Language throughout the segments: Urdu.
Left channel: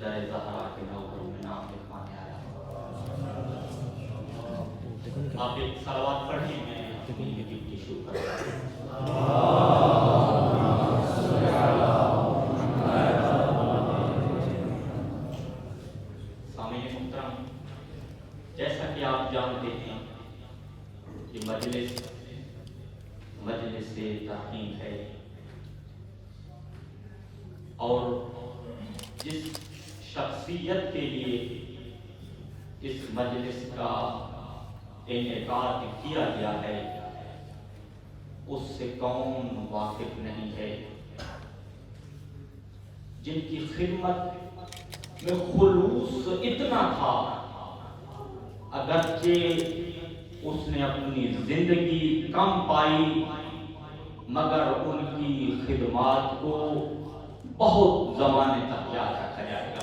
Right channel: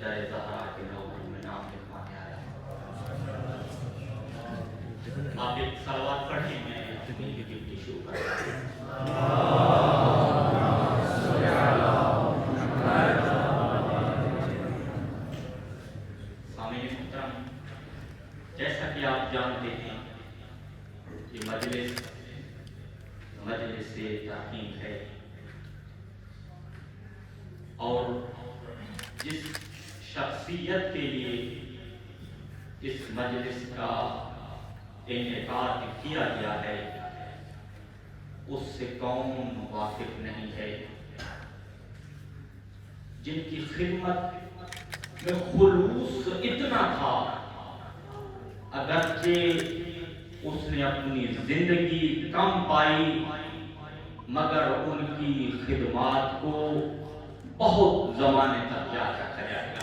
در زہرا کے نوبر میں نام لکھوانے آیا ہوں۔ آپ ایک صلوات پڑھیں، میں اپنی ڈیوٹی شروع کرتا ہوں۔ سامعین محترم، جیسا کہ آپ جانتے ہیں کہ مجلس سے تحقیق ہے، اور جس شخصیت کے لیے اس مجلس کا انعقاد کیا گیا ہے اس سے کون واقف نہیں ہے، جن کی خدمت میں خلوص اتنا تھا اگرچہ اس نے اپنی زندگی کم پائی مگر ان کی خدمات کو بہت زمانے تک یاد رکھا جائے گا۔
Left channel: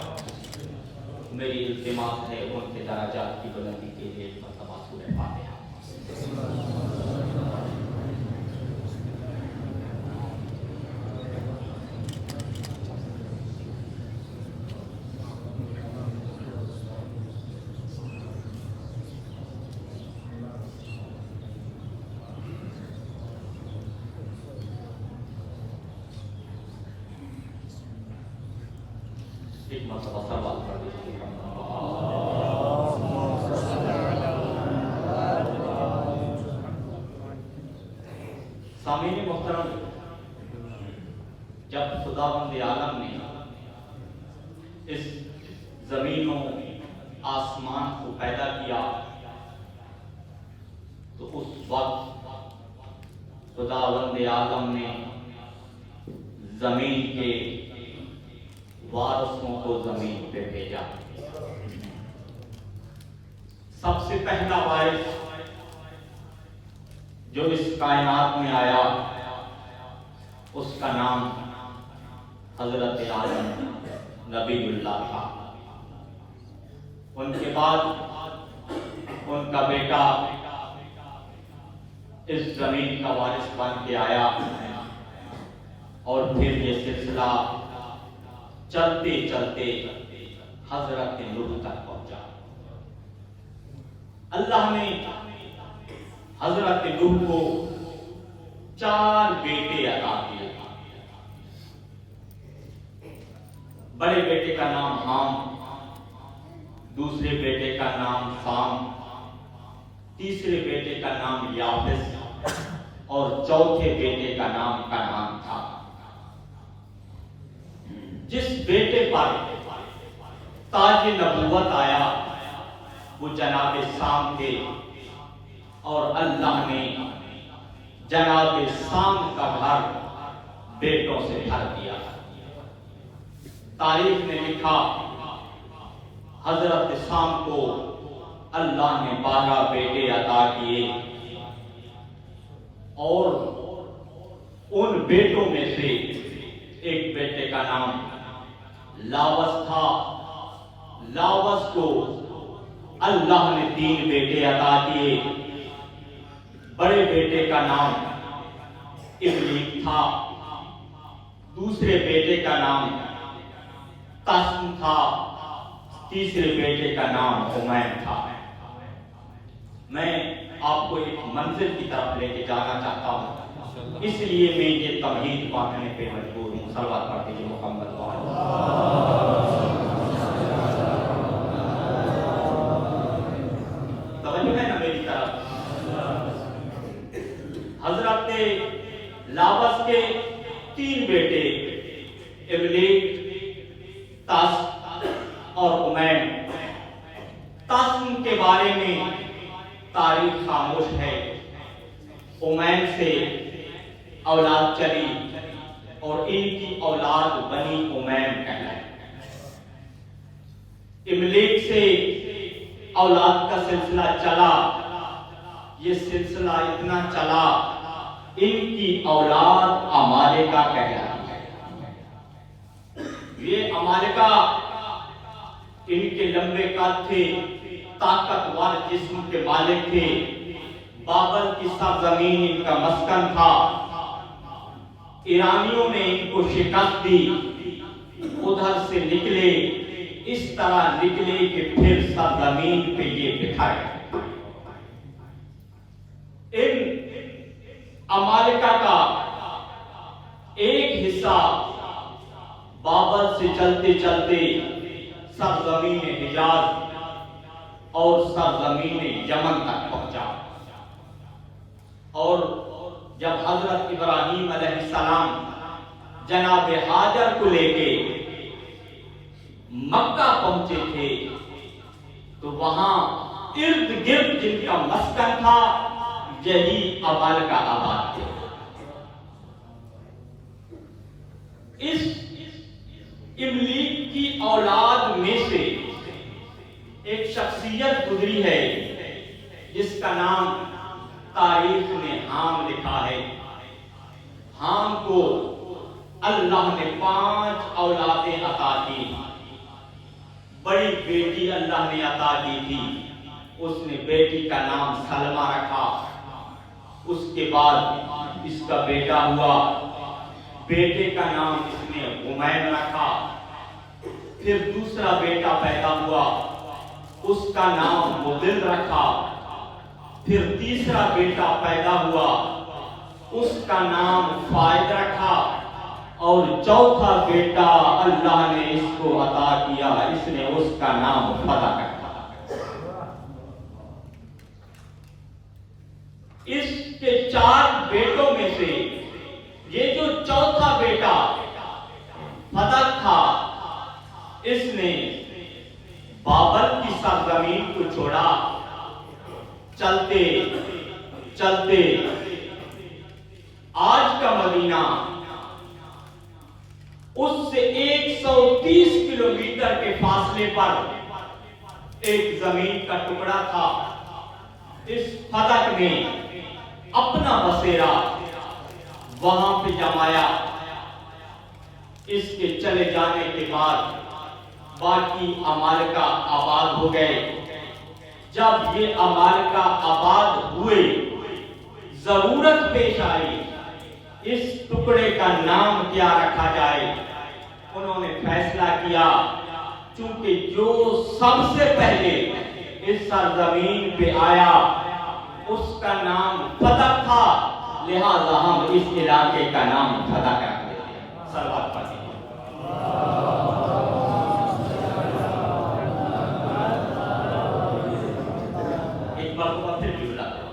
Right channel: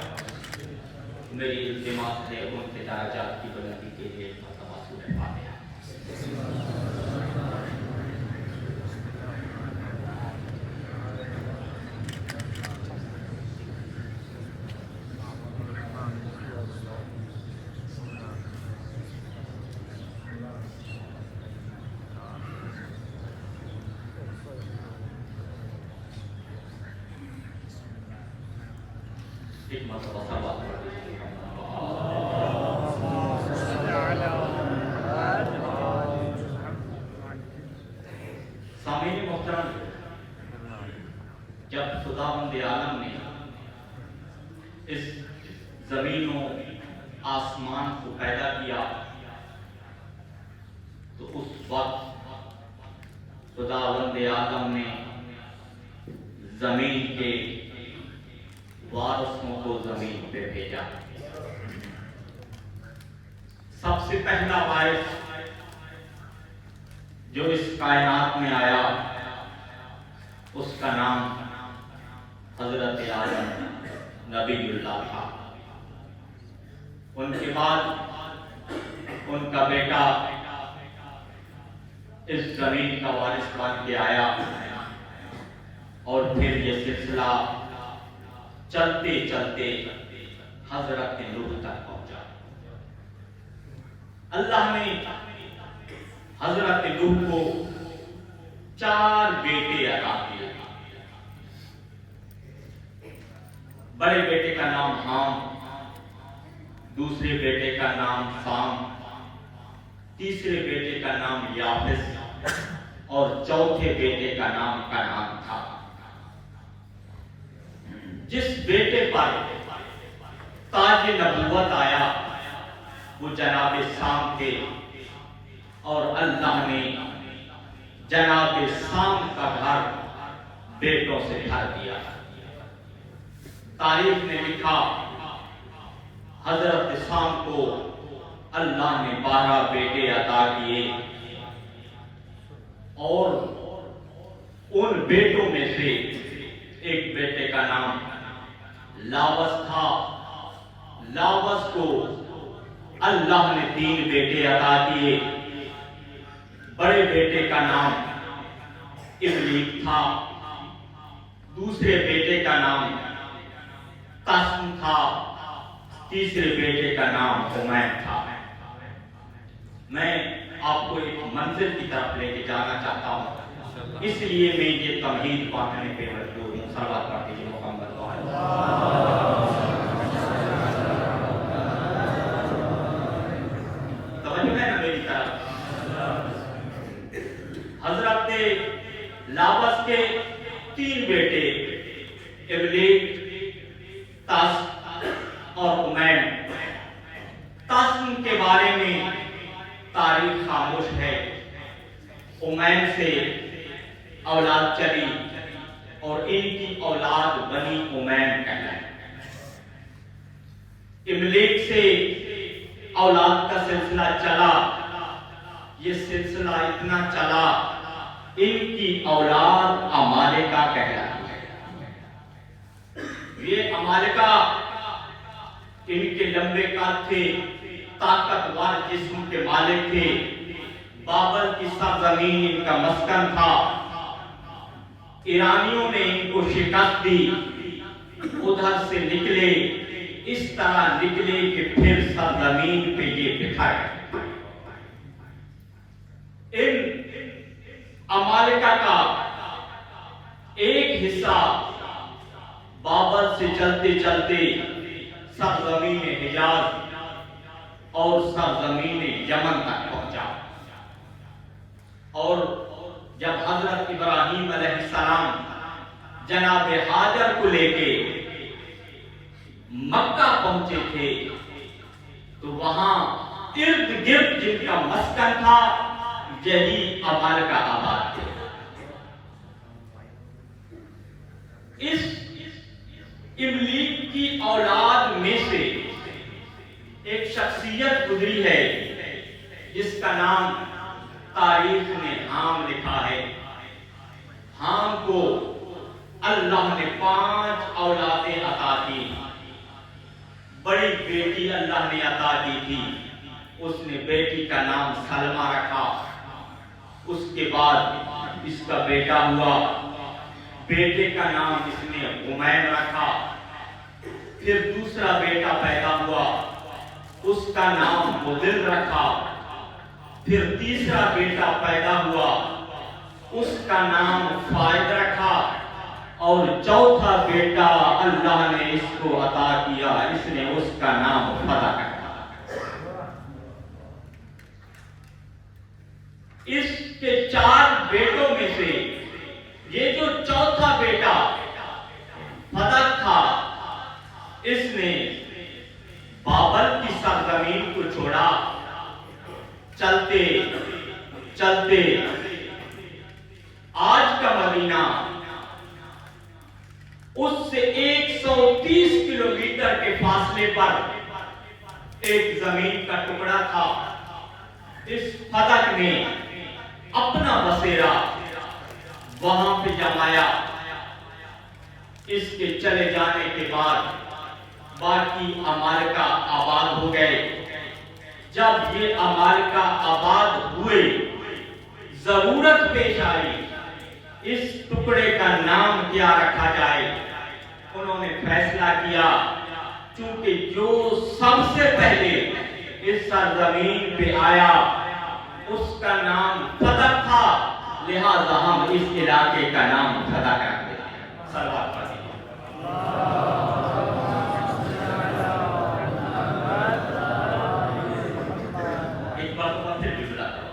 میری التماس ہے ان کے درجات کی بلندی کے لیے مرتبہ سورہ فاتحہ۔ ایک مرتبہ سوال کر دیجیے۔ سامعین محترم، جب خداوند عالم نے اس زمین و آسمان کو پیدا کیا تو اس وقت خداوند عالم نے زمین کے وارثوں کو زمین پہ بھیجا۔ سب سے پہلا وارث جو اس کائنات میں آیا اس کا نام حضرت آدم نبی اللہ تھا۔ ان کے بعد ان کا بیٹا اس زمین کا وارث بن کے آیا، اور پھر یہ سلسلہ چلتے چلتے حضرت نوح تک پہنچا۔ اللہ نے حضرت نوح کو 4 بیٹے عطا کیے۔ بڑے بیٹے کا نام حام، دوسرے بیٹے کا نام سام، تیسرے بیٹے کا نام یافس، اور چوتھے بیٹے کا نام کنعان تھا۔ جس بیٹے پر تاج نبوت آیا وہ جناب سام تھے، اور اللہ نے جناب سام کا گھر بیٹوں سے بھر دیا۔ تاریخ نے لکھا حضرت سام کو اللہ نے 12 بیٹے عطا کیے، اور ان بیٹوں میں سے ایک بیٹے کا نام لاوس تھا۔ لاوس کو اللہ نے 3 بیٹے عطا کیے۔ بڑے بیٹے کا نام ابلیق تھا، دوسرے بیٹے کا نام تسم تھا، تیسرے بیٹے کا نام حمیم تھا۔ میں آپ کو ایک منزل کی طرف لے کے جانا چاہتا ہوں، اس لیے میں یہ تمہید باندھنے پہ مجبور ہوں۔ صلوات پڑھ دیجیے محمد توجہ ہے نا میری طرف۔ حضرت لاوس کے 3 بیٹے ابلیق، تسم اور حمیم۔ تسم کے بارے میں تاریخ خاموش ہے۔ حمیم سے اولاد چلی اور ان کی اولاد بنی حمیم کہلائی۔ ابلیق سے اولاد کا سلسلہ چلا، یہ سلسلہ اتنا چلا ان کی اولاد عمالقہ کہلاتی ہے۔ یہ عمالقہ ان کے لمبے قد تھے، طاقتور جسم کے مالک تھے، بابل کی سرزمین ان کا مسکن تھا۔ ایرانیوں نے ان کو شکست دی، ادھر سے نکلے اس طرح نکلے کہ پھر سرزمین پہ یہ بکھر گئے۔ ان عمالقہ کا ایک حصہ بابل سے چلتے چلتے سرزمین حجاز اور سرزمین یمن تک پہنچا، اور جب حضرت ابراہیم علیہ السلام جناب ہاجر کو لے کے مکہ پہنچے تھے تو وہاں ارد گرد جن کا مسکن تھا یہی عمالقہ آباد تھے۔ اس املیک کی اولاد میں سے ایک شخصیت گزری ہے جس کا نام تاریخ نے حام لکھا ہے۔ حام کو اللہ نے 5 اولادیں عطا کی۔ بڑی بیٹی اللہ نے عطا کی تھی، اس نے بیٹی کا نام سلمہ رکھا۔ اس کے بعد اس کا بیٹا ہوا، بیٹے کا نام اس نے غمیم رکھا۔ پھر دوسرا بیٹا پیدا ہوا، اس کا نام مدل رکھا۔ پھر تیسرا بیٹا پیدا ہوا، اس کا نام فائد رکھا۔ اور چوتھا بیٹا اللہ نے اس کو عطا کیا، اس نے اس کا نام فتح رکھا۔ اس کے 4 بیٹوں میں سے یہ جو چوتھا بیٹا فتح تھا، اس نے بابل کی سرزمین کو چھوڑا، چلتے چلتے آج کا مدینہ اس سے 130 کلومیٹر کے فاصلے پر ایک زمین کا ٹکڑا تھا۔ اس فتح نے اپنا بسیرا وہاں پہ جمایا۔ اس کے چلے جانے کے بعد باقی عمالقہ آباد ہو گئے۔ جب یہ عمالقہ آباد ہوئے، ضرورت پیش آئی اس ٹکڑے کا نام کیا رکھا جائے۔ انہوں نے فیصلہ کیا چونکہ جو سب سے پہلے اس سرزمین پہ آیا اس کا نام فتح تھا، لہذا ہم اس علاقے کا نام فتح کر دیتے ہیں۔ صلوات پڑھیں۔ ایک بار کو پھر بھی بلاتے ہیں۔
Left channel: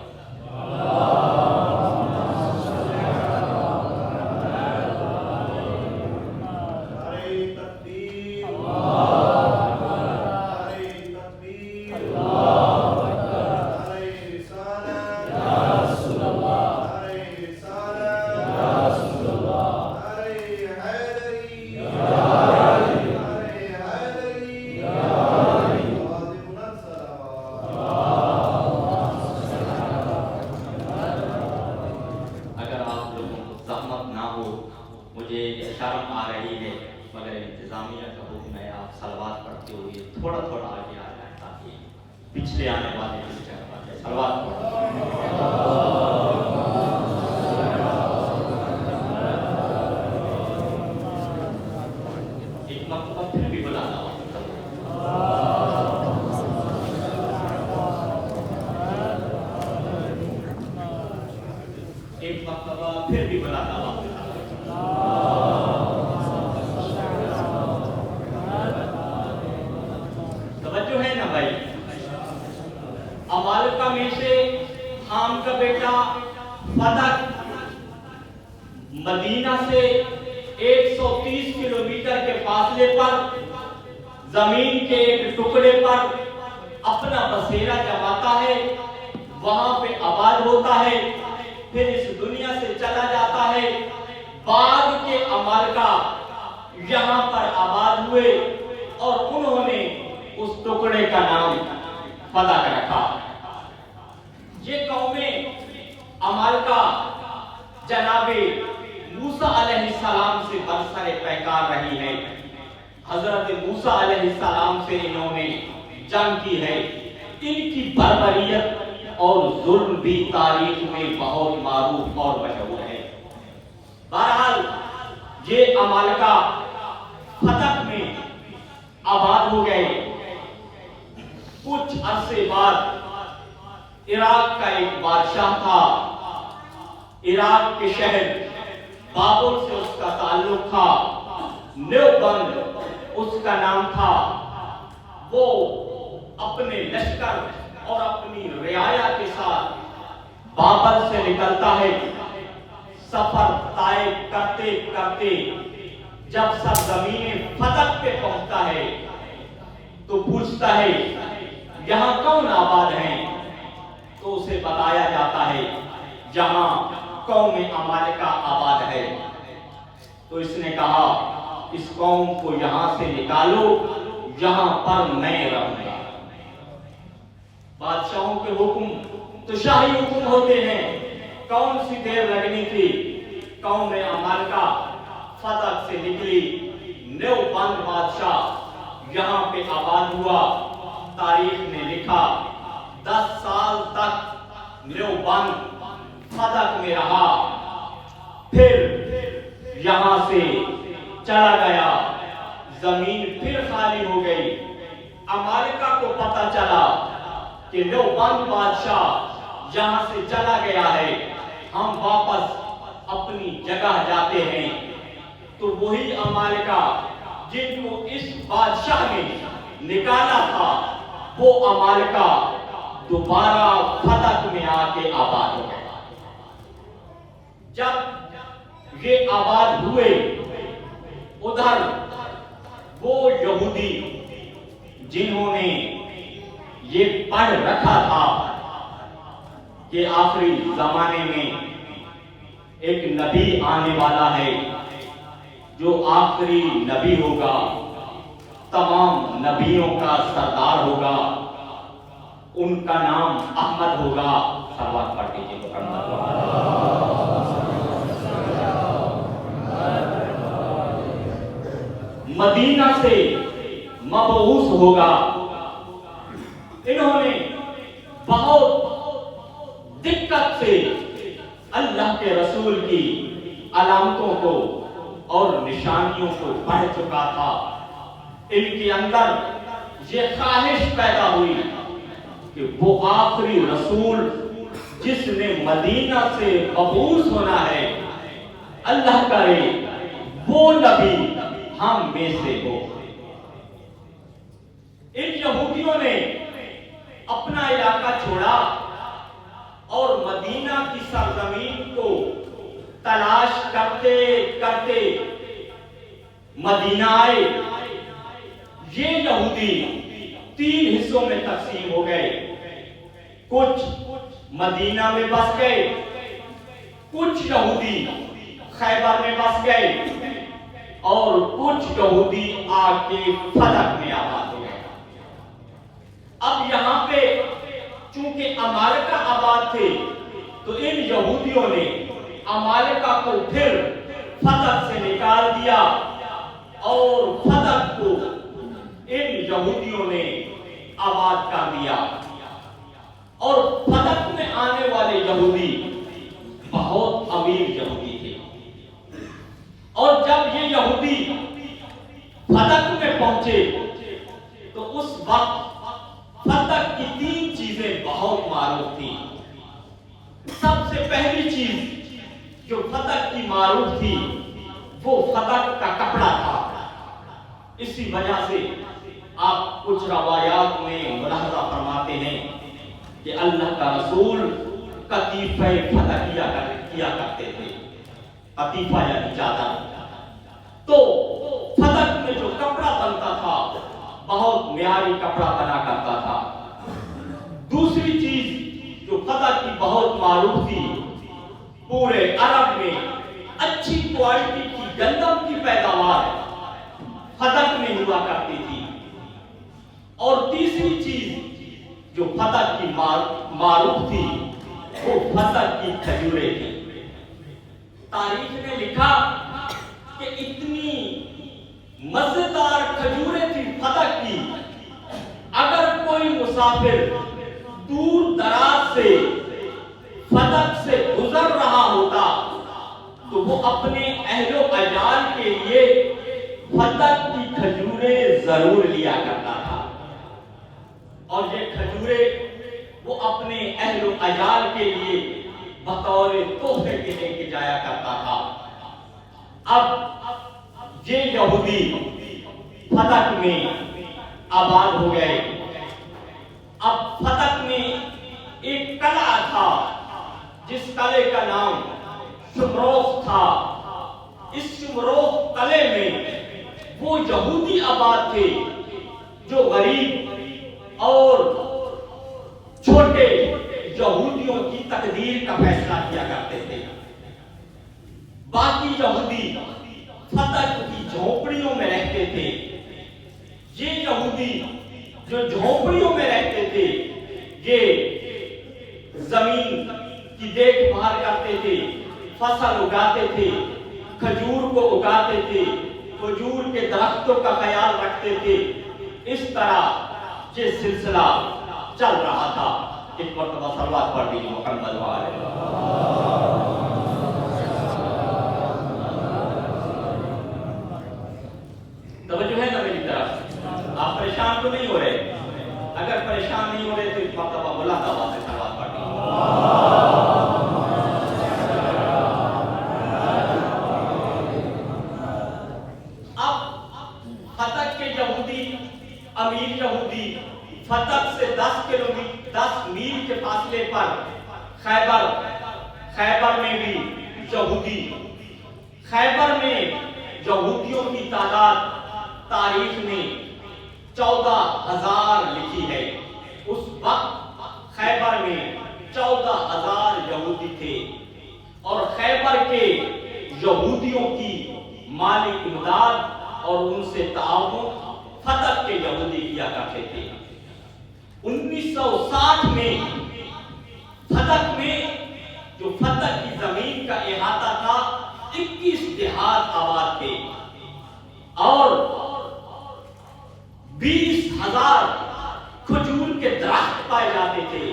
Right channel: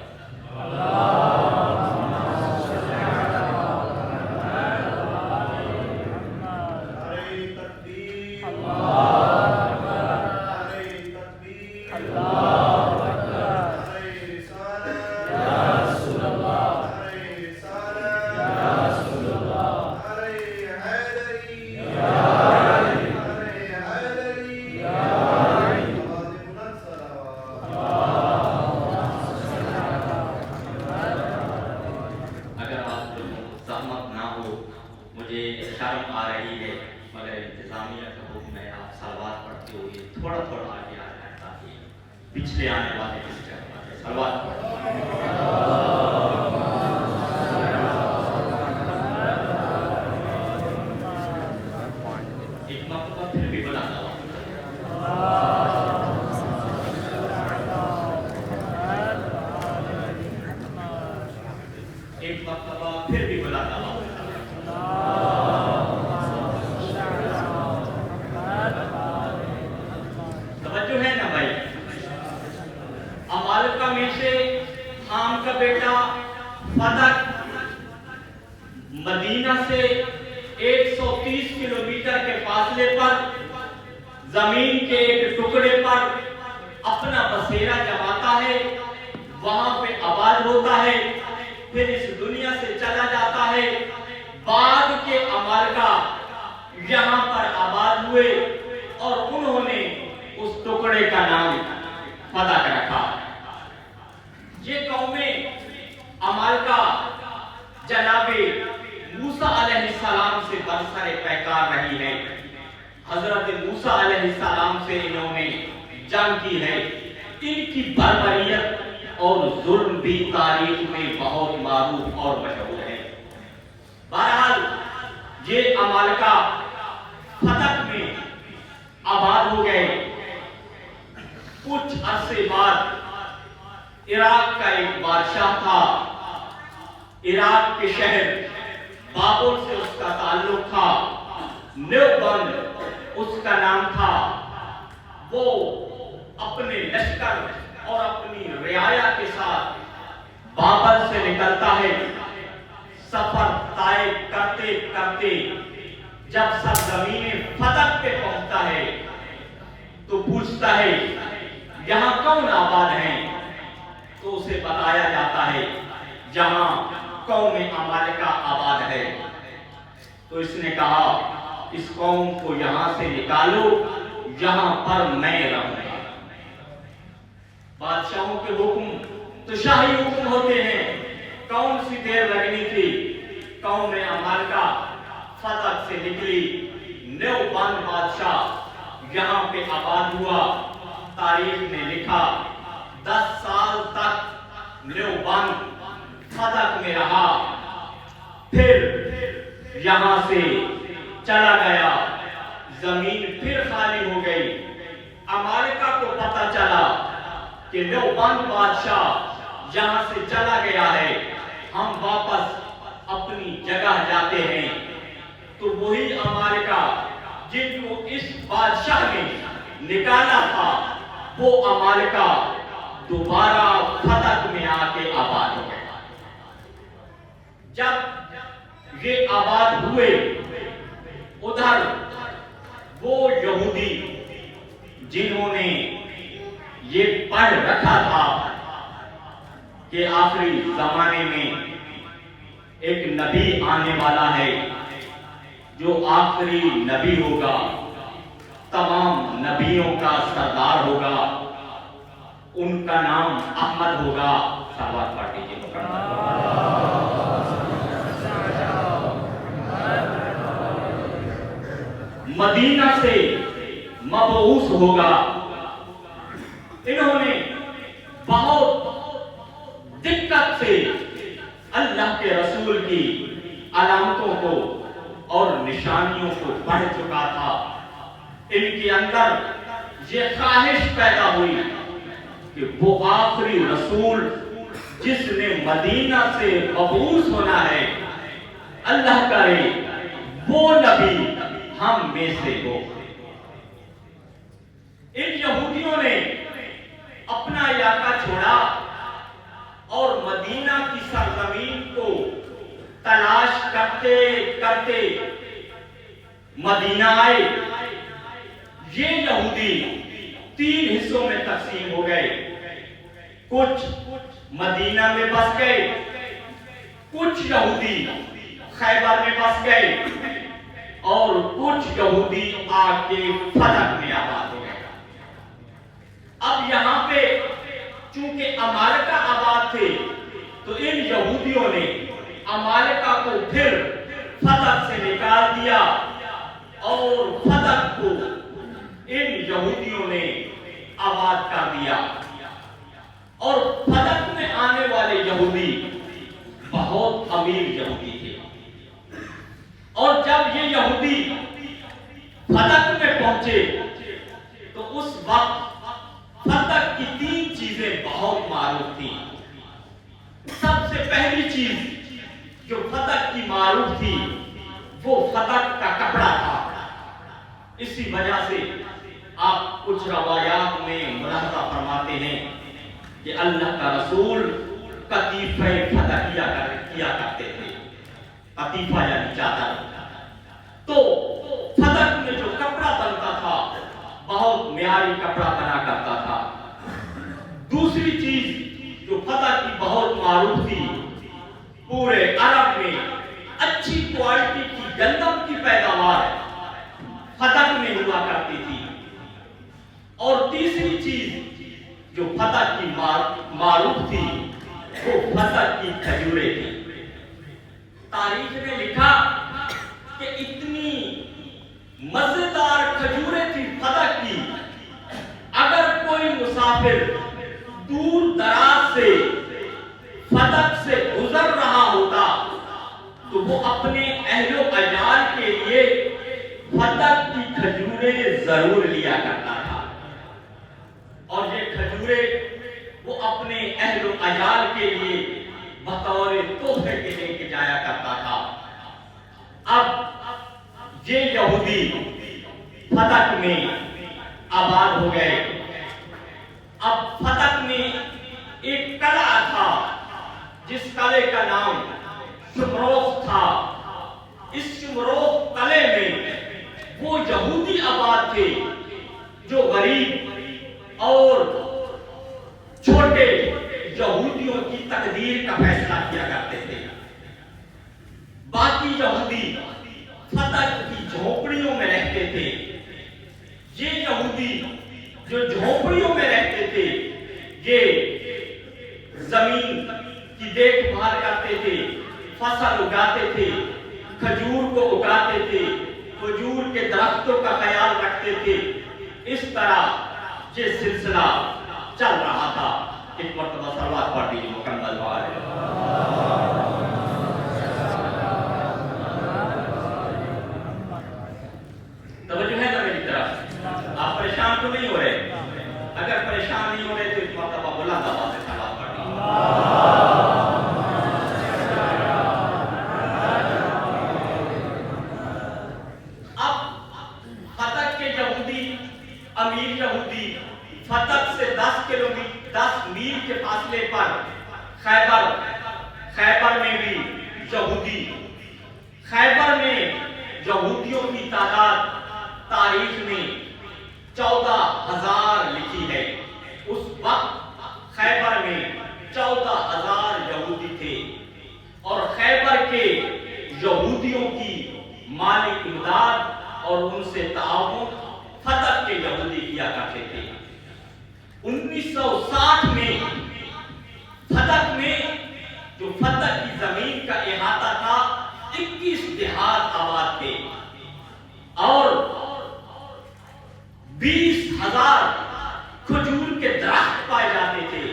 مجھے شرم آ رہی ہے مگر انتظامیہ کا حکم ہے، آپ صلوات پڑھتے ہوئے تھوڑا تھوڑا آگے آ جائیں تاکہ پچھلے آنے والے ڈسٹرب آ جائے۔ صلوات ایک مرتبہ پھر بھی بلانا ہوا۔ ایک مرتبہ پھر بھی بلانا ہوا۔ توجہ ہے نا بھائی؟ عمالقہ میں سے حام کا بیٹا فتح مدینہ سے 130 کلومیٹر کے فاصلے پر زمین کے ایک ٹکڑے پر اپنا بسیرا جماتا ہے، وہاں پہ آباد ہوتا ہے، پھر اس دنیا سے چلا جاتا ہے۔ بعد کے عمالقہ یہاں پر آباد ہوئے اور انہوں نے اس ٹکڑے کا نام فتح رکھا۔ یہ قومیں عمالقہ جناب موسیٰ علیہ السلام سے برسر پیکار رہی ہے۔ حضرت موسیٰ علیہ السلام سے انہوں نے جنگ کی ہے۔ ان کی بربریت اور ظلم بھی تاریخ میں بہت معروف اور مشہور ہے۔ بہرحال یہ عمالقہ فتح میں آباد ہو گئے۔ کچھ عرصے بعد عراق کا ایک بادشاہ تھا، عراق کے شہر بابل سے اس کا تعلق تھا، نیوبند اس کا نام تھا۔ وہ اپنے لشکر اور اپنی رعایا کے ساتھ بابل سے نکلتا ہے۔ سفر طے کرتے کرتے جب سرزمین فتح پہ پہنچتا ہے تو پوچھتا ہے یہاں کون آباد ہیں؟ تو اسے بتایا جاتا ہے جہاں قوم عمالقہ آباد ہے۔ تو اس نے کہا اس قوم کو یہاں سے نکالو، یہاں پر میں رہوں گا۔ بادشاہوں کے حکم تو شاہی حکم ہوتے ہیں، کون سی دیر لگنی تھی؟ قوم عمالقہ فتح سے نکلی، نیوبند بادشاہ یہاں پہ آباد ہوا۔ تاریخ نے لکھا 10 سال تک نیوبند فتح میں رہا، پھر یہاں سے چلا گیا، زمین پھر خالی ہو گئی۔ عمالقہ کو پتہ چلا کہ نیوبند بادشاہ یہاں سے چلا گیا ہے، ہم واپس اپنی جگہ جاتے ہیں۔ تو وہی عمالقہ جن کو اس بادشاہ نے نکالا تھا، وہ عمالقہ دوبارہ فتح میں آ کے آباد ہو گئے۔ جب یہ آباد ہوئے، ادھر وہ یہودی جنہوں نے یہ پڑھ رکھا تھا کہ آخری زمانے میں ایک نبی آنے والا ہے جو آخری نبی ہوگا، تمام نبیوں کا سردار ہوگا، ان کا نام احمد ہوگا۔ سلوات پڑھ دیجیے مدینہ سے مبعوث ہوگا۔ انہوں نے بہت دقت سے اللہ کے رسول کی علامتوں کو اور نشانیوں کو پڑھ چکا تھا۔ ان کے اندر یہ خواہش پیدا ہوئی کہ وہ آخری رسول جس نے مدینہ سے مبعوث ہونا ہے، اللہ کرے وہ نبی ہم میں سے ہو۔ ان یہودیوں نے اپنا علاقہ چھوڑا اور مدینہ کی سرزمین کو تلاش کرتے کرتے مدینہ آئے۔ یہ یہودی 3 حصوں میں تقسیم ہو گئے، کچھ مدینہ میں بس گئے، کچھ یہودی خیبر میں بس گئے، اور کچھ یہودی آ کے فتح میں آباد ہو گئے۔ اب یہاں پہ چونکہ عمالقہ آباد تھے تو ان یہودیوں نے عمالقہ کو پھر فتح سے نکال دیا، اور فتح کو ان یہودیوں نے آباد کر دیا۔ اور فتح میں آنے والے یہودی بہت امیر یہودی تھے، اور جب یہ یہودی فتح میں پہنچے تو اس وقت فتح کی 3 چیزیں بہت معروف تھیں۔ سب سے پہلی چیز جو فتح کی معروف تھی وہ فتح کا کپڑا تھا۔ اسی وجہ سے آپ کچھ روایات میں ملاحظہ فرماتے ہیں کہ اللہ کا رسول قطیفہ فتح کیا کرتے تھے، قطیفہ یعنی چادر۔ تو فتح میں جو کپڑا بنتا تھا بہت معیاری کپڑا بنا کرتا تھا۔ دوسری چیز جو فتح کی بہت معروف تھی، پورے عرب میں اچھی کوالٹی کی گندم کی پیداوار فتح میں ہوا کرتی تھی۔ اور تیسری چیز جو فتح کی معروف تھی وہ فتح کی کھجوریں تھی۔ تاریخ نے لکھا کہ اتنی مزیدار کھجوریں تھی فتح کی، اگر کوئی مسافر دور دراز سے فتح سے گزر رہا ہوتا تو وہ اپنے اہل و عیال کے لیے فتح کی کھجوریں ضرور لیا کرتا تھا، اور یہ کھجوریں وہ اپنے اہل و عیال کے لیے بطور تحفے کے لے کے جایا کرتا تھا۔ اب یہ یہودی فتح میں آباد ہو گئے۔ اب فتح میں ایک قلعہ تھا جس قلعے کا نام شمروخ تھا۔ اس شمروخ قلعے میں وہ یہودی آباد تھے جو غریب اور چھوٹے یہودیوں کی تقدیر کا فیصلہ کیا کرتے تھے۔ باقی یہودی فتح کی جھونپڑیوں میں رہتے تھے۔ یہ یہودی جو جھونپڑیوں میں رہتے تھے یہ زمین کی دیکھ بھال کرتے تھے، فصل اگاتے تھے، کھجور کو اگاتے تھے، کھجور کے درختوں کا خیال رکھتے تھے۔ اس طرح یہ سلسلہ چل رہا تھا۔ ایک مرتبہ صلوات پڑھ دیجیے محمد وآلہ۔ توجہ ہے نا میری طرف؟ آپ پریشان تو نہیں ہو رہے؟ اگر پریشان نہیں ہو رہے تو اس مرتبہ بلند آواز سے صلوات پڑھ دیجیے۔ امیر یہودی فتح سے 10 میل کے فاصلے پر خیبر میں بھی یہودی، خیبر میں یہودیوں کی تعداد تاریخ میں 14,000 لکھی ہے۔ اس وقت خیبر میں 14,000 یہودی تھے، اور خیبر کے یہودیوں کی مالی امداد اور ان سے تعاون فتح کے یہودی کیا کرتے تھے۔ 1960 میں فتح میں جو فتح کی زمین کا احاطہ تھا 21 دیہات آباد تھے، اور 20,000 کھجور کے درخت پائے جاتے تھے۔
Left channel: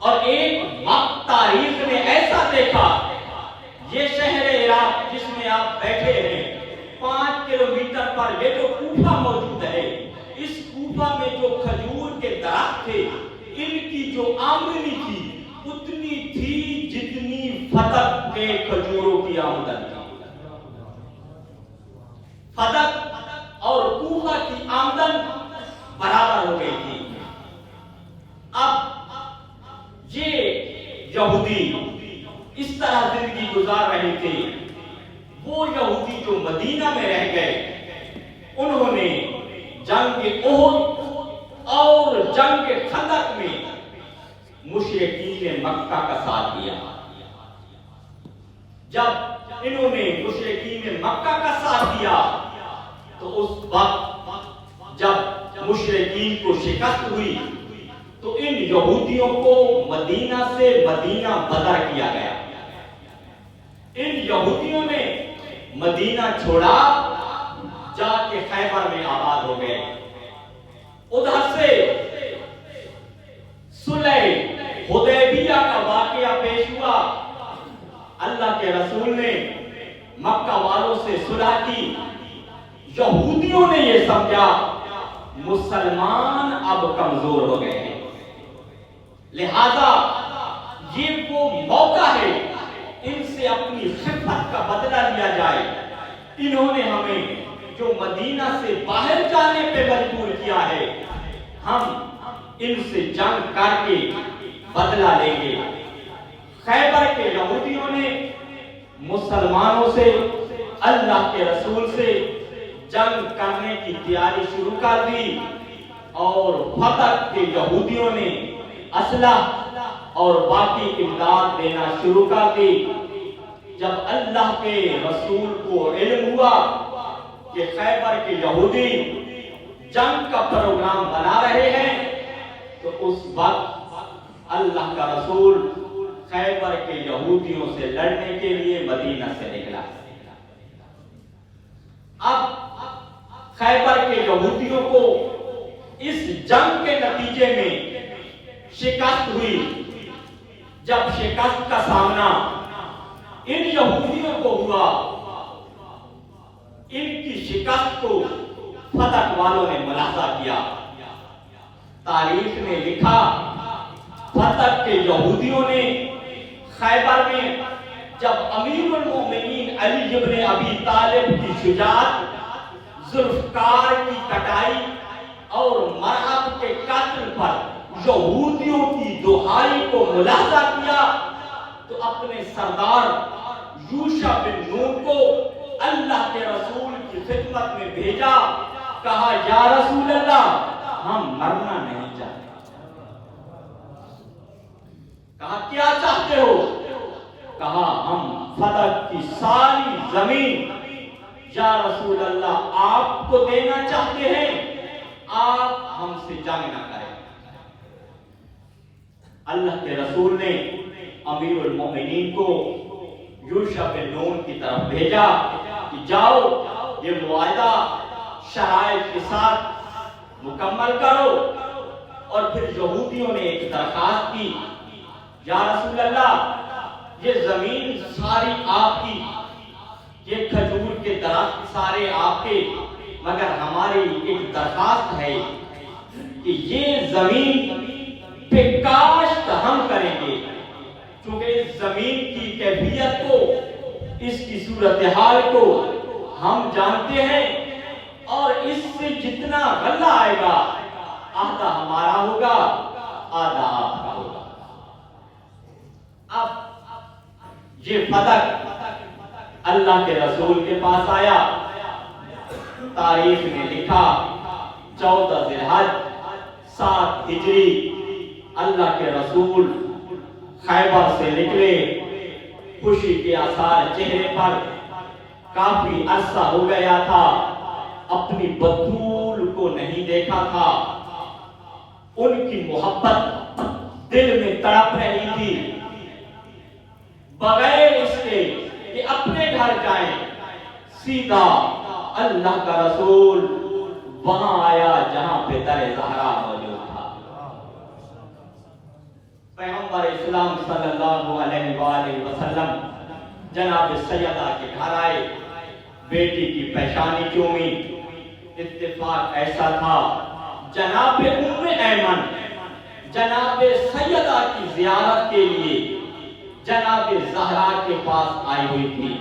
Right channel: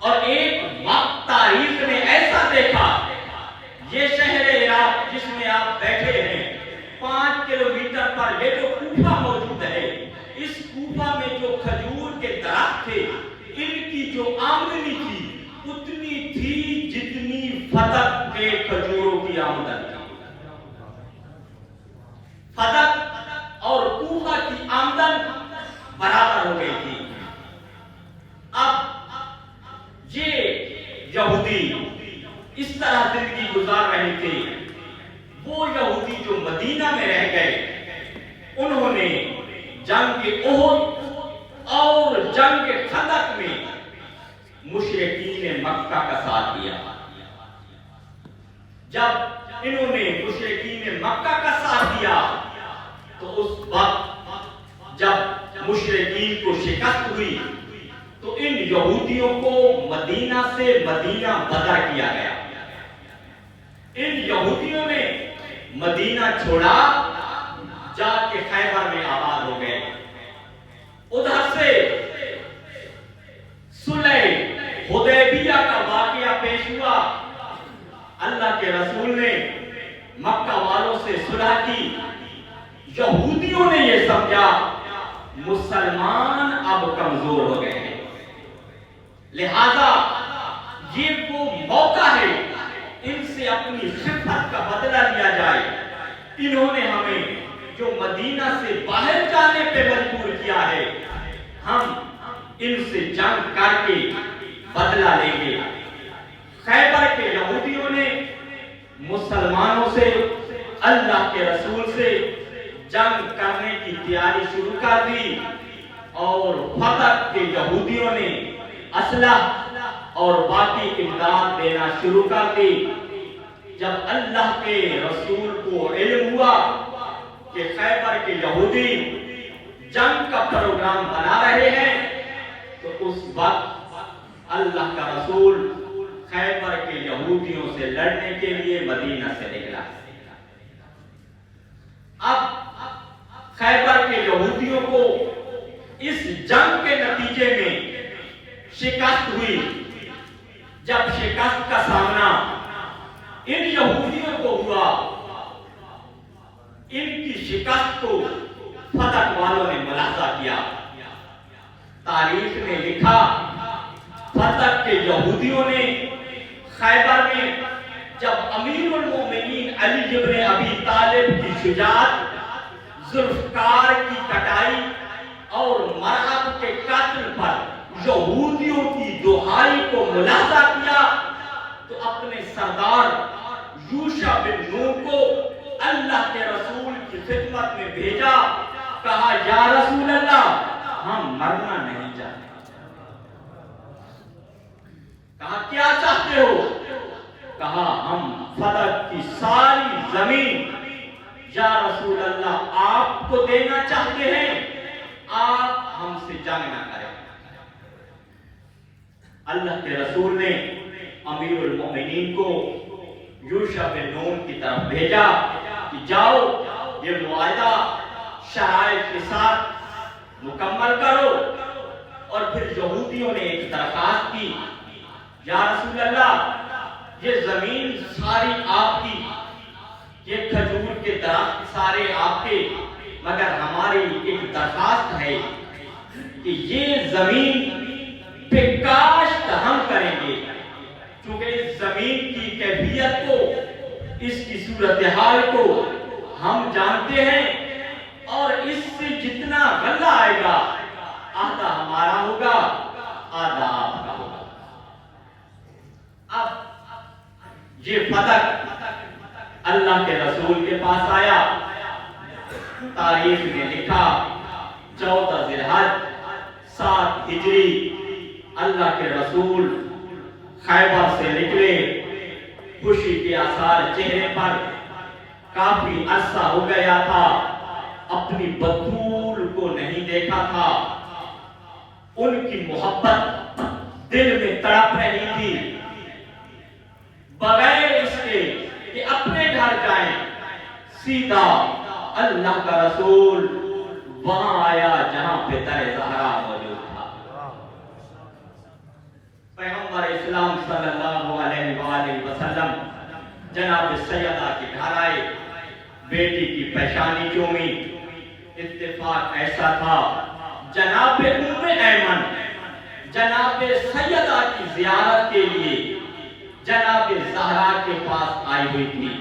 اور ایک وقت تاریخ نے ایسا دیکھا، یہ شہر عراق جس میں آپ بیٹھے ہیں 5 کلومیٹر پر یہ جو کوفہ موجود ہے، اس کوفہ میں جو کھجور کے درخت تھے ان کی جو آمدنی تھی اتنی تھی جتنی فتح کے کھجوروں کی آمدنی تھی۔ فتح اور کوفہ کی آمدن برابر ہو گئی تھی۔ اب یہ یہودی اس طرح زندگی گزار رہے تھے۔ وہ یہودی جو مدینہ میں رہ گئے انہوں نے جنگ احد اور جنگ خندق میں مشرکین مکہ کا ساتھ دیا۔ جب انہوں نے مشرکین مکہ کا ساتھ دیا تو اس وقت جب مشرکین کو شکست ہوئی تو ان یہودیوں کو مدینہ سے مدینہ بدر کیا گیا۔ ان یہودیوں نے مدینہ چھوڑا، جا کے خیبر میں آباد ہو گئے۔ ادھر سے صلح حدیبیہ کا واقعہ پیش ہوا۔ اللہ کے رسول نے مکہ والوں سے صلح کی۔ یہودیوں نے یہ سمجھا مسلمان اب کمزور ہو گئے ہیں، لہذا یہ وہ موقع ہے ان سے اپنی خفت کا بدلہ لیا جائے۔ انہوں نے ہمیں جو مدینہ سے باہر جانے پہ مجبور کیا ہے، ہم ان سے جنگ کر کے بدلہ لیں گے۔ خیبر کے یہودیوں نے مسلمانوں سے، اللہ کے رسول سے جنگ کرنے کی تیاری شروع کر دی، اور فتح کے یہودیوں نے اسلحہ اور باقی امداد دینا شروع کر دی۔ جب اللہ کے رسول کو علم ہوا کہ خیبر کے یہودی جنگ کا پروگرام بنا رہے ہیں، تو اس وقت اللہ کا رسول خیبر کے یہودیوں سے لڑنے کے لیے مدینہ سے نکلا۔ اب خیبر کے یہودیوں کو اس جنگ کے نتیجے میں شکست ہوئی۔ جب شکست کا سامنا ان یہودیوں کو ہوا، ان کی شکست کو فتح والوں نے ملاحظہ کیا، تاریخ نے لکھا فتح کے یہودیوں نے خیبر میں جب امیر المومنین علی ابن ابی طالب کی شجاعت، ذوالفقار کی کٹائی اور مرحب کے قاتل پر یہودیوں کی دہائی کو ملاحظہ کیا، تو اپنے سردار یوشع بن نون کو اللہ کے رسول کی خدمت میں بھیجا، کہا یا رسول اللہ ہم مرنا نہیں چاہتے۔ کہا کیا چاہتے ہو؟ کہا ہم فتح کی ساری زمین یا رسول اللہ آپ کو دینا چاہتے ہیں، آپ ہم سے جنگ نہ کریں۔ اللہ کے رسول نے امیر المومنین کو یوشع بن نون کی طرف بھیجا کہ جاؤ یہ معاہدہ شرائط کے ساتھ مکمل کرو، اور پھر یہودیوں نے ایک درخواست کی، یا رسول اللہ یہ زمین ساری آپ کی، یہ کھجور کے درخت سارے آپ کے، مگر ہماری ایک درخواست ہے کہ یہ زمین پہ کاشت ہم کریں گے، چونکہ اس زمین کی کیفیت کو، اس کی صورتحال کو ہم جانتے ہیں، اور اس سے جتنا غلہ آئے گا آدھا ہمارا ہوگا آدھا آپ کا ہوگا۔ اب یہ فتح اللہ کے رسول کے پاس آیا، تاریخ نے لکھا 14 ذی الحج 7 ہجری اللہ کے رسول خیبر سے نکلے، خوشی کے آثار چہرے پر، کافی عرصہ ہو گیا تھا اپنی بطول کو نہیں دیکھا تھا، ان کی محبت دل میں تڑپ رہی تھی، بغیر اس کے کہ اپنے گھر جائیں سیدھا اللہ کا رسول وہاں آیا جہاں پہ در زہرا موجود تھا۔ پیغمبر اسلام صلی اللہ علیہ وآلہ وسلم جناب سیدہ کے گھر آئے، بیٹی کی پیشانی چومی، اتفاق ایسا تھا جناب ام ایمن جناب سیدہ کی زیارت کے لیے جناب زہرا کے پاس آئی ہوئی تھی۔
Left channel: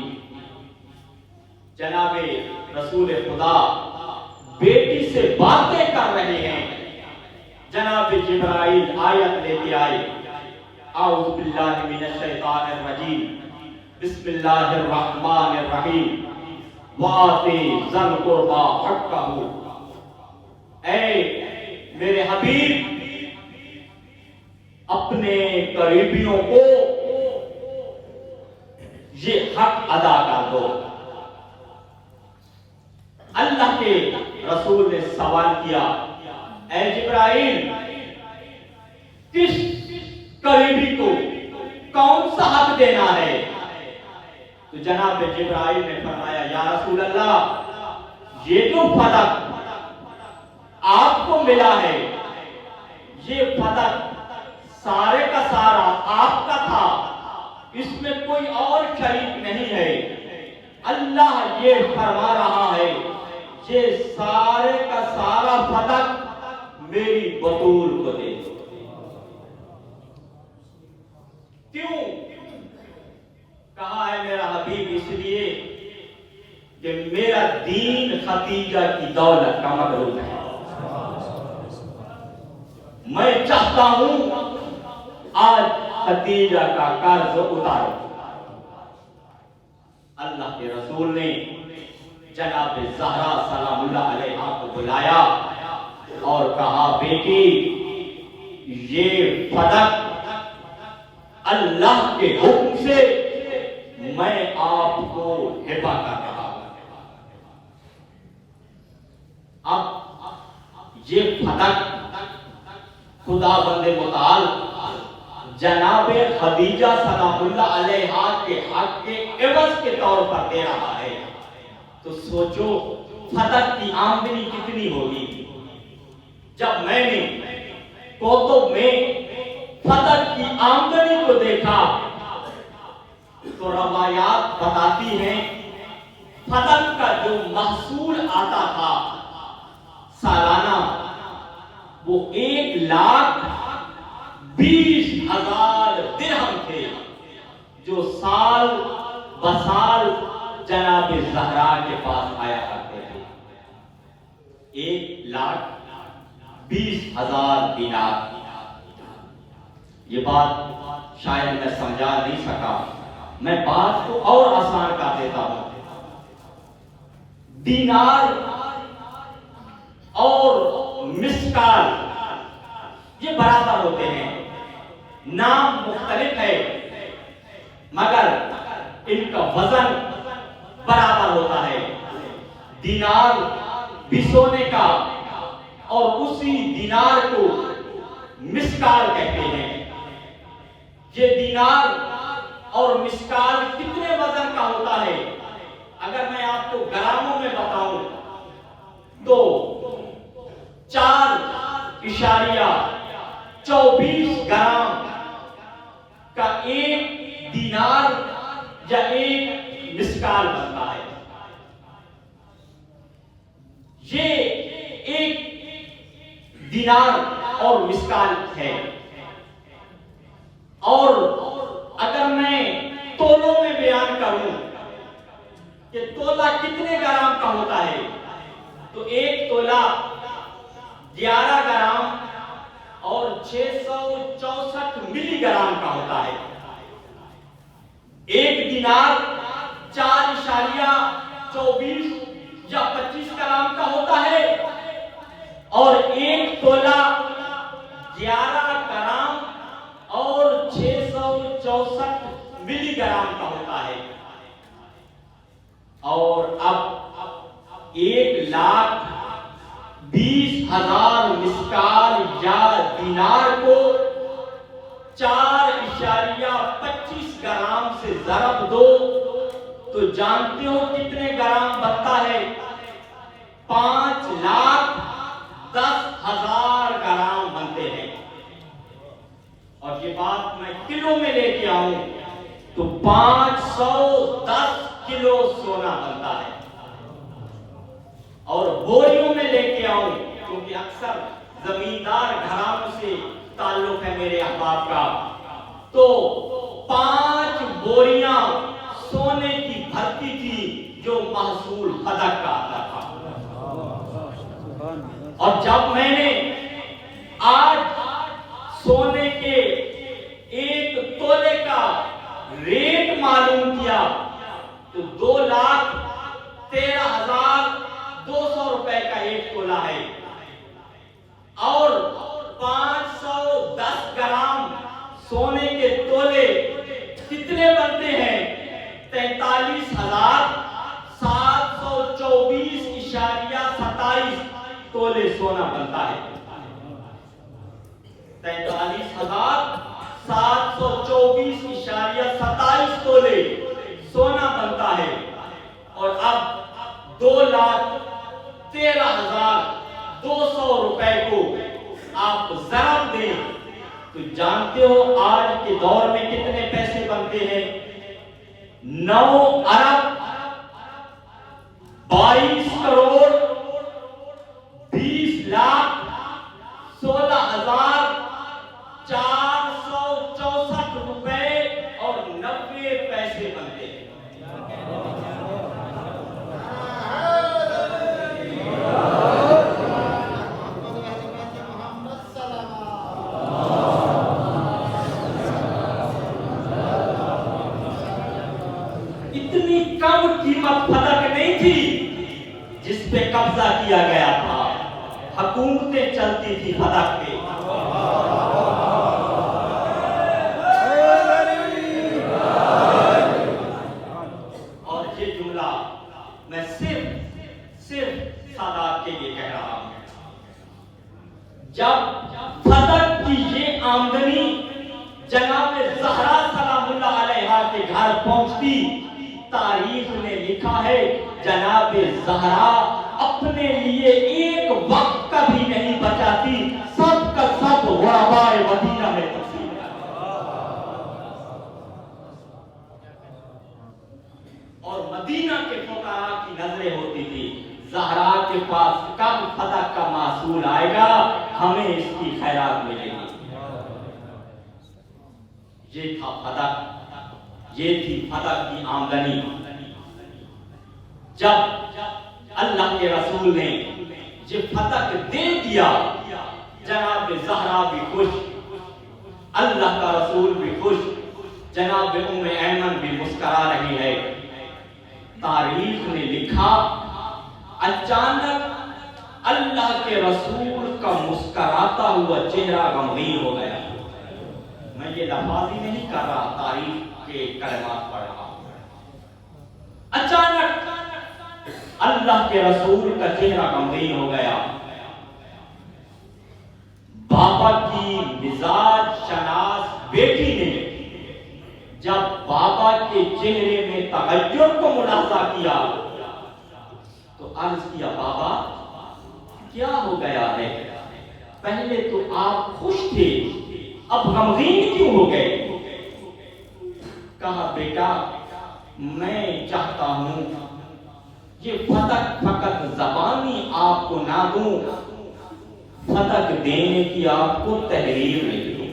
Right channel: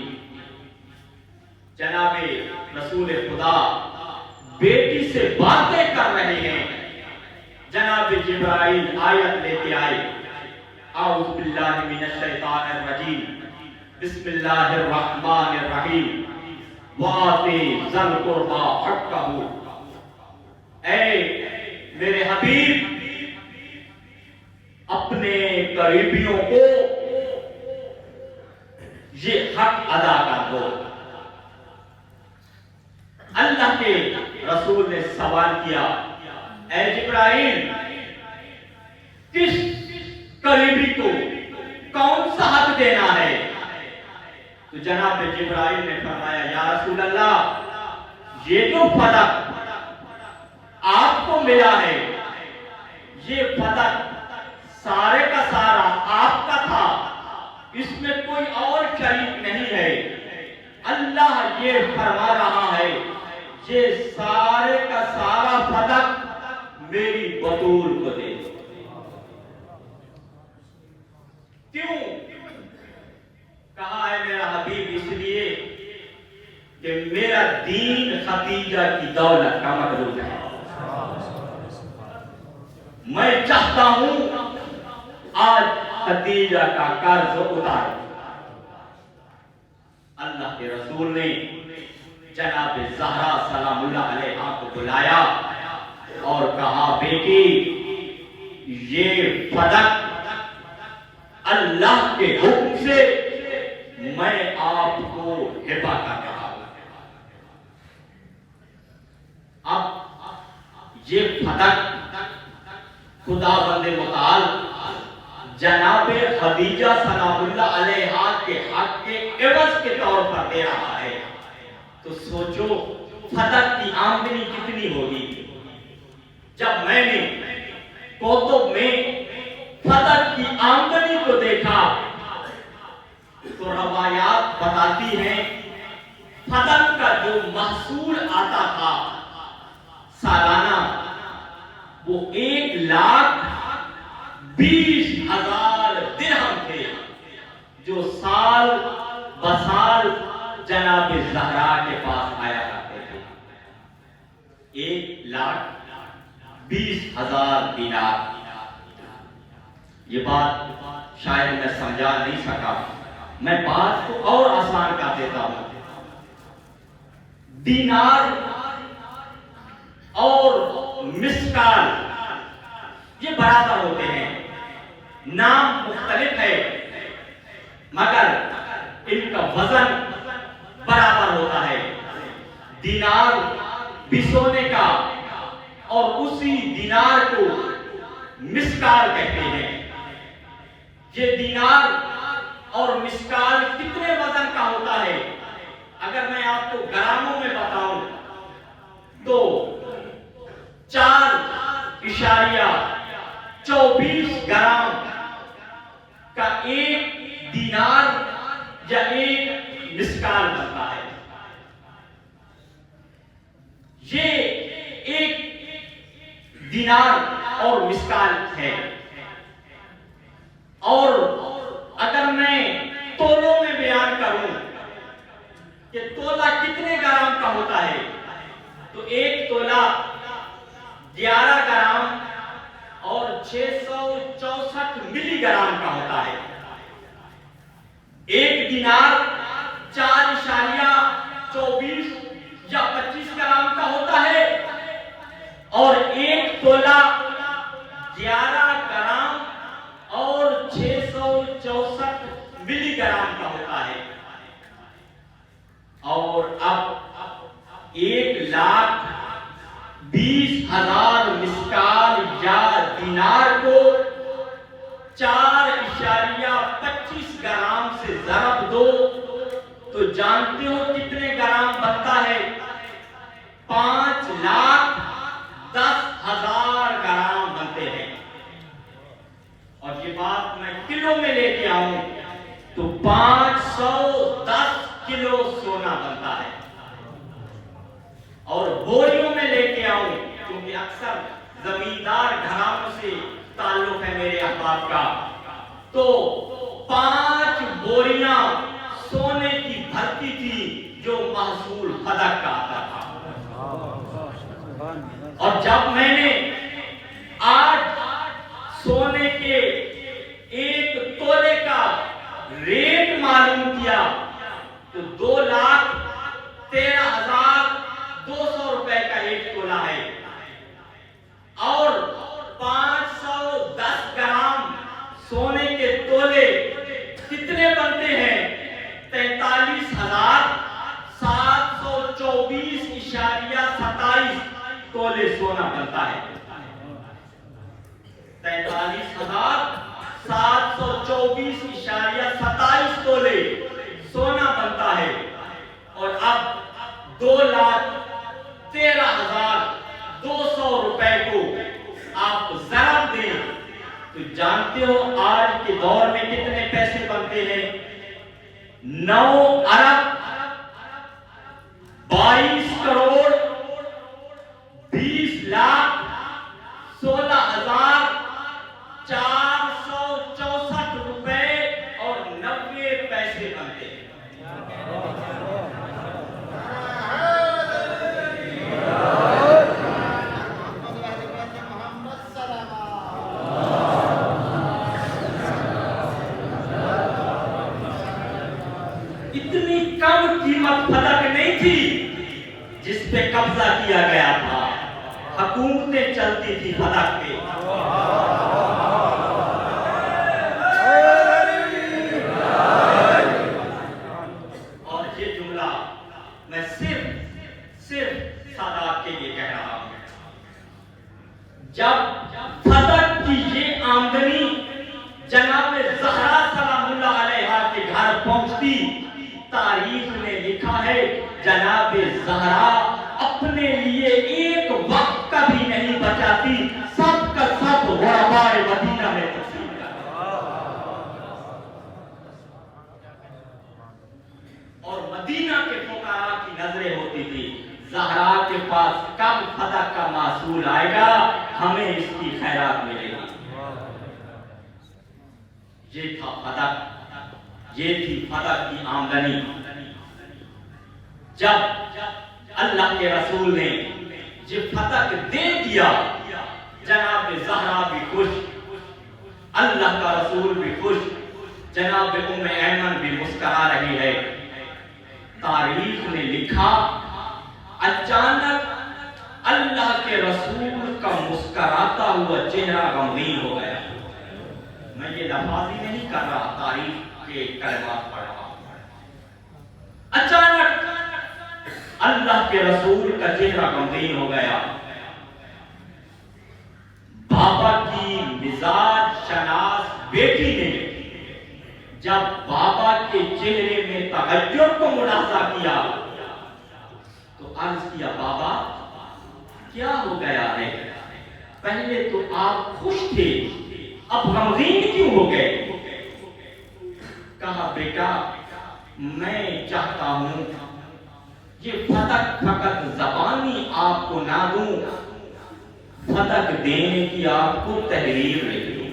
جناب رسول خدا بیٹی سے باتیں کر رہے ہیں، جناب جبرائیل آیت لے کے آئے، اعوذ باللہ من الشیطان الرجیم، بسم اللہ الرحمن الرحیم، وآتی ذی القربی حقہ، اے میرے حبیب اپنے قریبیوں کو یہ حق ادا کر دو۔ اللہ کے رسول نے سوال کیا، اے جبرائیل کس قریبی کو کون سا حق دینا ہے؟ تو جناب جبرائیل نے فرمایا، یا رسول اللہ یہ جو فتح آپ کو ملا ہے، یہ فتح سارے کا سارا آپ کا تھا، اس میں کوئی اور شریک نہیں ہے۔ اللہ یہ فرما رہا ہے یہ سارے کا سارا فتح میری بطول کو دے دو۔ کیوں کہا ہے میرا حبیب؟ اس لیے کہ میرا دین خدیجہ کی دولت کا مقروض ہے، میں چاہتا ہوں آج خدیجہ کا قرض اتارو۔ اللہ کے رسول نے جناب زہرا سلام اللہ علیہا کو بلایا اور کہا، بیٹی یہ فتح اللہ کے حکم سے میں آپ کو ہبہ کر رہا ہوں۔ اب یہ فتح خدا بند متعال جناب خدیجہ سلام اللہ علیہا کے حق کے عوض کے طور پر دے رہا ہے، تو سوچو فتح کی آمدنی کتنی ہوگی۔ جب میں نے کوتب میں فتح کی آمدنی کو دیکھا تو روایات بتاتی ہیں فتح کا جو محصول آتا تھا وہ 1,20,000 درہم تھے جو سال بسال جناب زہرا کے پاس آیا کرتے تھے. 1,20,000 دینار. یہ بات شاید میں سمجھا نہیں سکا، میں بات کو اور آسان کر دیتا ہوں. دینار اور مسکال یہ برابر ہوتے ہیں، نام مختلف ہے مگر ان کا وزن برابر ہوتا ہے. دینار بھی سونے کا اور اسی دینار کو مسکال کہتے ہیں. یہ دینار اور مسکال کتنے وزن کا ہوتا ہے؟ اگر میں آپ کو گراموں میں بتاؤں تو 4.24 گرام کا ایک دینار یا ایک مسکال بنتا ہے. یہ ایک دینار اور مسکال ہے. اور اگر میں تولوں میں بیان کروں کہ تولا کتنے گرام کا ہوتا ہے تو ایک تولا 11 گرام اور 664 ملی گرام کا ہوتا ہے. ایک دینار 4.24 یا 25 گرام کا ہوتا ہے اور ایک تولا 11 گرام اور 664 ملی گرام کا ہوتا ہے. اور اب 1,20,000 مسکال یا دینار کو 4.25 گرام سے ضرب دو تو جانتے ہو کتنے گرام بنتا ہے؟ 5,10,000 گرام بنتے ہیں. اور یہ بات میں کلو میں لے کے آؤں تو 510 کلو سونا بنتا ہے. اور بوریوں میں لے کے آؤں کیونکہ اکثر زمیندار گھرانوں سے تعلق ہے میرے احباب کا، تو 5 بوریاں سونے کی بھرتی تھی جو محصول فدق کا آتا تھا. اور جب میں نے آج سونے کے ایک تولے کا ریٹ معلوم کیا تو 2,13,200 روپے کا ایک تولا ہے. اور 510 گرام سونے کے تولے کتنے بنتے ہیں؟ 43,724.27 تولے سونا بنتا ہے. 43,724.27 تولے سونا بنتا ہے. اور اب 2,13,200 روپے کو آپ ضرب دیں تو جانتے ہو آج کے دور میں کتنے پیسے بنتے ہیں؟ 9,22,16,464 روپے اور 90 پیسے بنتے ہیں. اتنی کم قیمت فدق نہیں تھی جس پہ قبضہ کیا گیا تھا. حکومتیں چلتی تھی فدق پہ. اور یہ جملہ میں صرف سادات کے لیے کہہ رہا ہوں. جب فدق کی یہ آمدنی جناب زہرا سلام اللہ علیہا کے گھر پہنچتی، تاریخ نے لکھا ہے جناب زہرا اپنے لیے ایک وقت کا بھی نہیں بچاتی، سب کا سب غرباء مدینہ میں تقسیم کرتی. اور مدینہ کے فقراء کی نظریں ہوتی تھی زہرا کے پاس کب فدق کا محصول آئے گا، ہمیں اس کی خیرات ملے گی۔ یہ تھا فتح، یہ تھی فتح کی آمدنی۔ جب اللہ کے رسول نے یہ فتح دے دیا، جناب زہرا بھی خوش، اللہ کا رسول بھی خوش، جناب ام ایمن بھی مسکرا رہی ہے۔ تاریخ نے لکھا اچانک اللہ کے رسول کا مسکراتا ہوا چہرہ غمگین ہو گیا۔ میں یہ لفاظی نہیں کر رہا، تاریخ کے کلمات پڑھ رہا ہوں۔ اچانک اللہ کے رسول کا چہرہ غمگین ہو گیا۔ بابا کی مزاج شناس بیٹی نے جب بابا کے چہرے میں تغیر کو ملاحظہ کیا تو عرض کیا، بابا کیا ہو گیا ہے؟ پہلے تو آپ خوش تھے، اب غمگین کیوں ہو گئے؟ کہا، بیٹا میں چاہتا ہوں یہ فتح فقط زبانی آپ کو نہ دوں، فتح دینے کی آپ کو تحریر میں دوں۔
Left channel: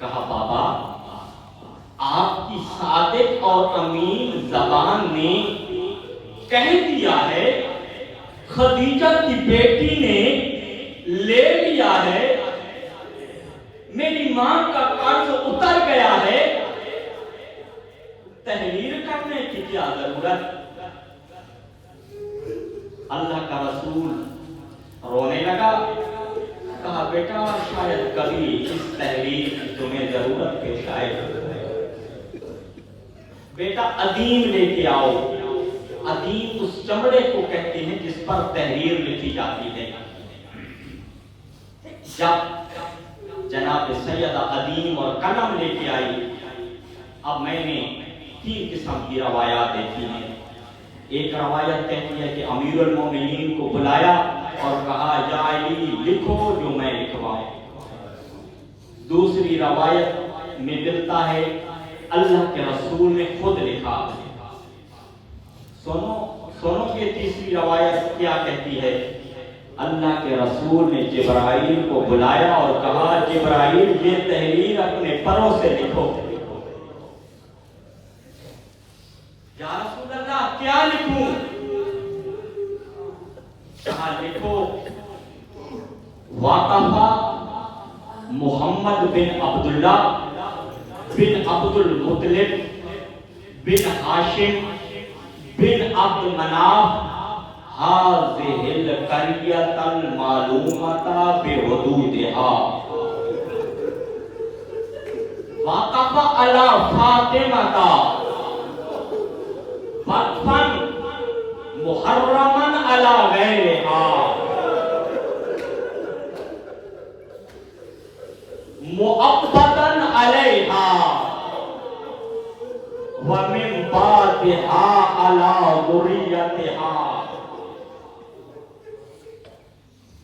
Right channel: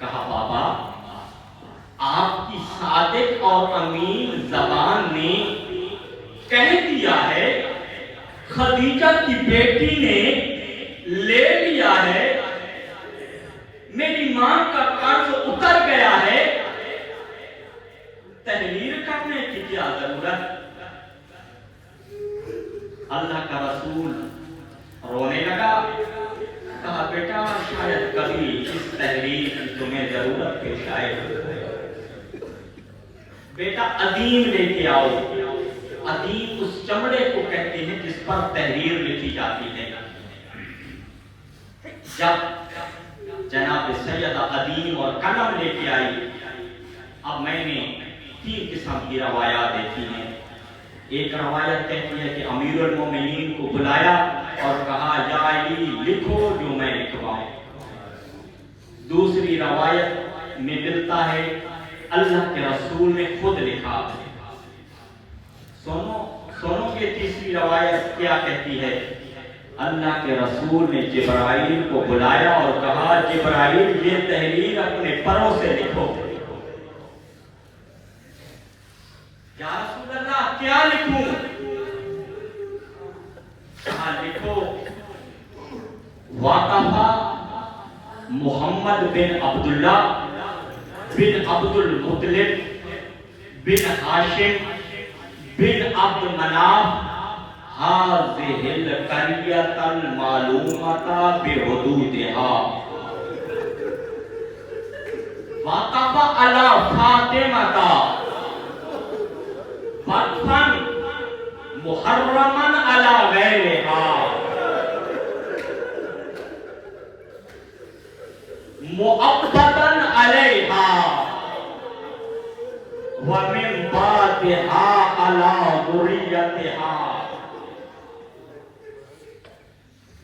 کہا، بابا آپ کی صادق اور امین زبان نے کہہ دیا ہے، خدیجہ کی بیٹی نے لے لیا ہے، میری ماں کا قرض اتر گیا ہے، تحریر کرنے کی کیا ضرورت؟ اللہ کا رسول رونے لگا۔ کہا، بیٹا شاید کبھی اس تحریر کی تمہیں ضرورت پیش آئے، بیٹا ادیم لے کے آؤ۔ ادیم اس چمڑے کو کہتے ہیں جس پر تحریر لکھی جاتی ہے۔ جب جناب سیدہ ادیم اور قلم لے کے آئی، اب میں نے 3 قسم کی روایات دیکھی ہیں۔ ایک روایت کہتی ہے کہ امیر المومنین کو بلایا اور کہا، یا علی لکھو جو میں لکھواؤں۔ دوسری روایت میں ملتا ہے اللہ کے رسول نے خود لکھا۔ سنو کہ تیسری روایت کیا کہتی ہے؟ اللہ کے رسول نے جبرائیل کو بلایا اور کہا، جبرائیل یہ تحریر اپنے پروں سے لکھو۔ یا رسول اللہ کیا لکھوں؟ کہا، لکھو، واقفہ محمد بن عبداللہ بن عبد المطلب بن ہاشم بن عبد مناف هذه القرية المعلومة بحدودها وقف على فاطمة وقفا محرما على غيرها مؤبدا عليها ومن بعدها على ذريتها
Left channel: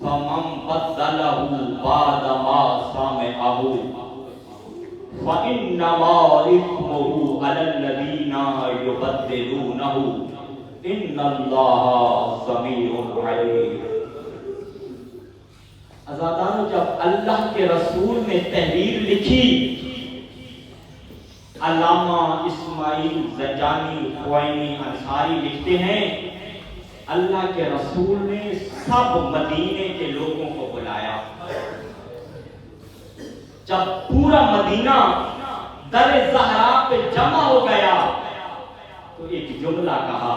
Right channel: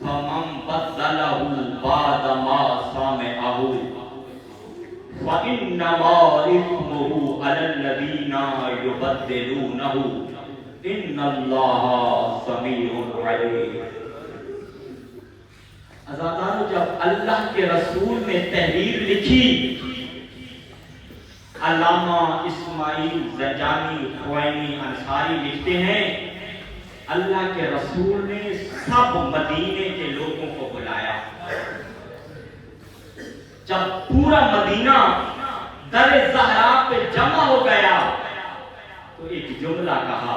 فمن بدله بعد ما سمعه فإنما إثمه على الذين يبدلونه إن الله سميع عليم۔ عزادارو، جب اللہ کے رسول نے تحریر لکھی، علامہ اسماعیل زنجانی خوئینی انصاری لکھتے ہیں، اللہ کے رسول نے سب مدینے کے لوگوں کو بلایا۔ جب پورا مدینہ در زہرا پہ جمع ہو گیا تو ایک جملہ کہا،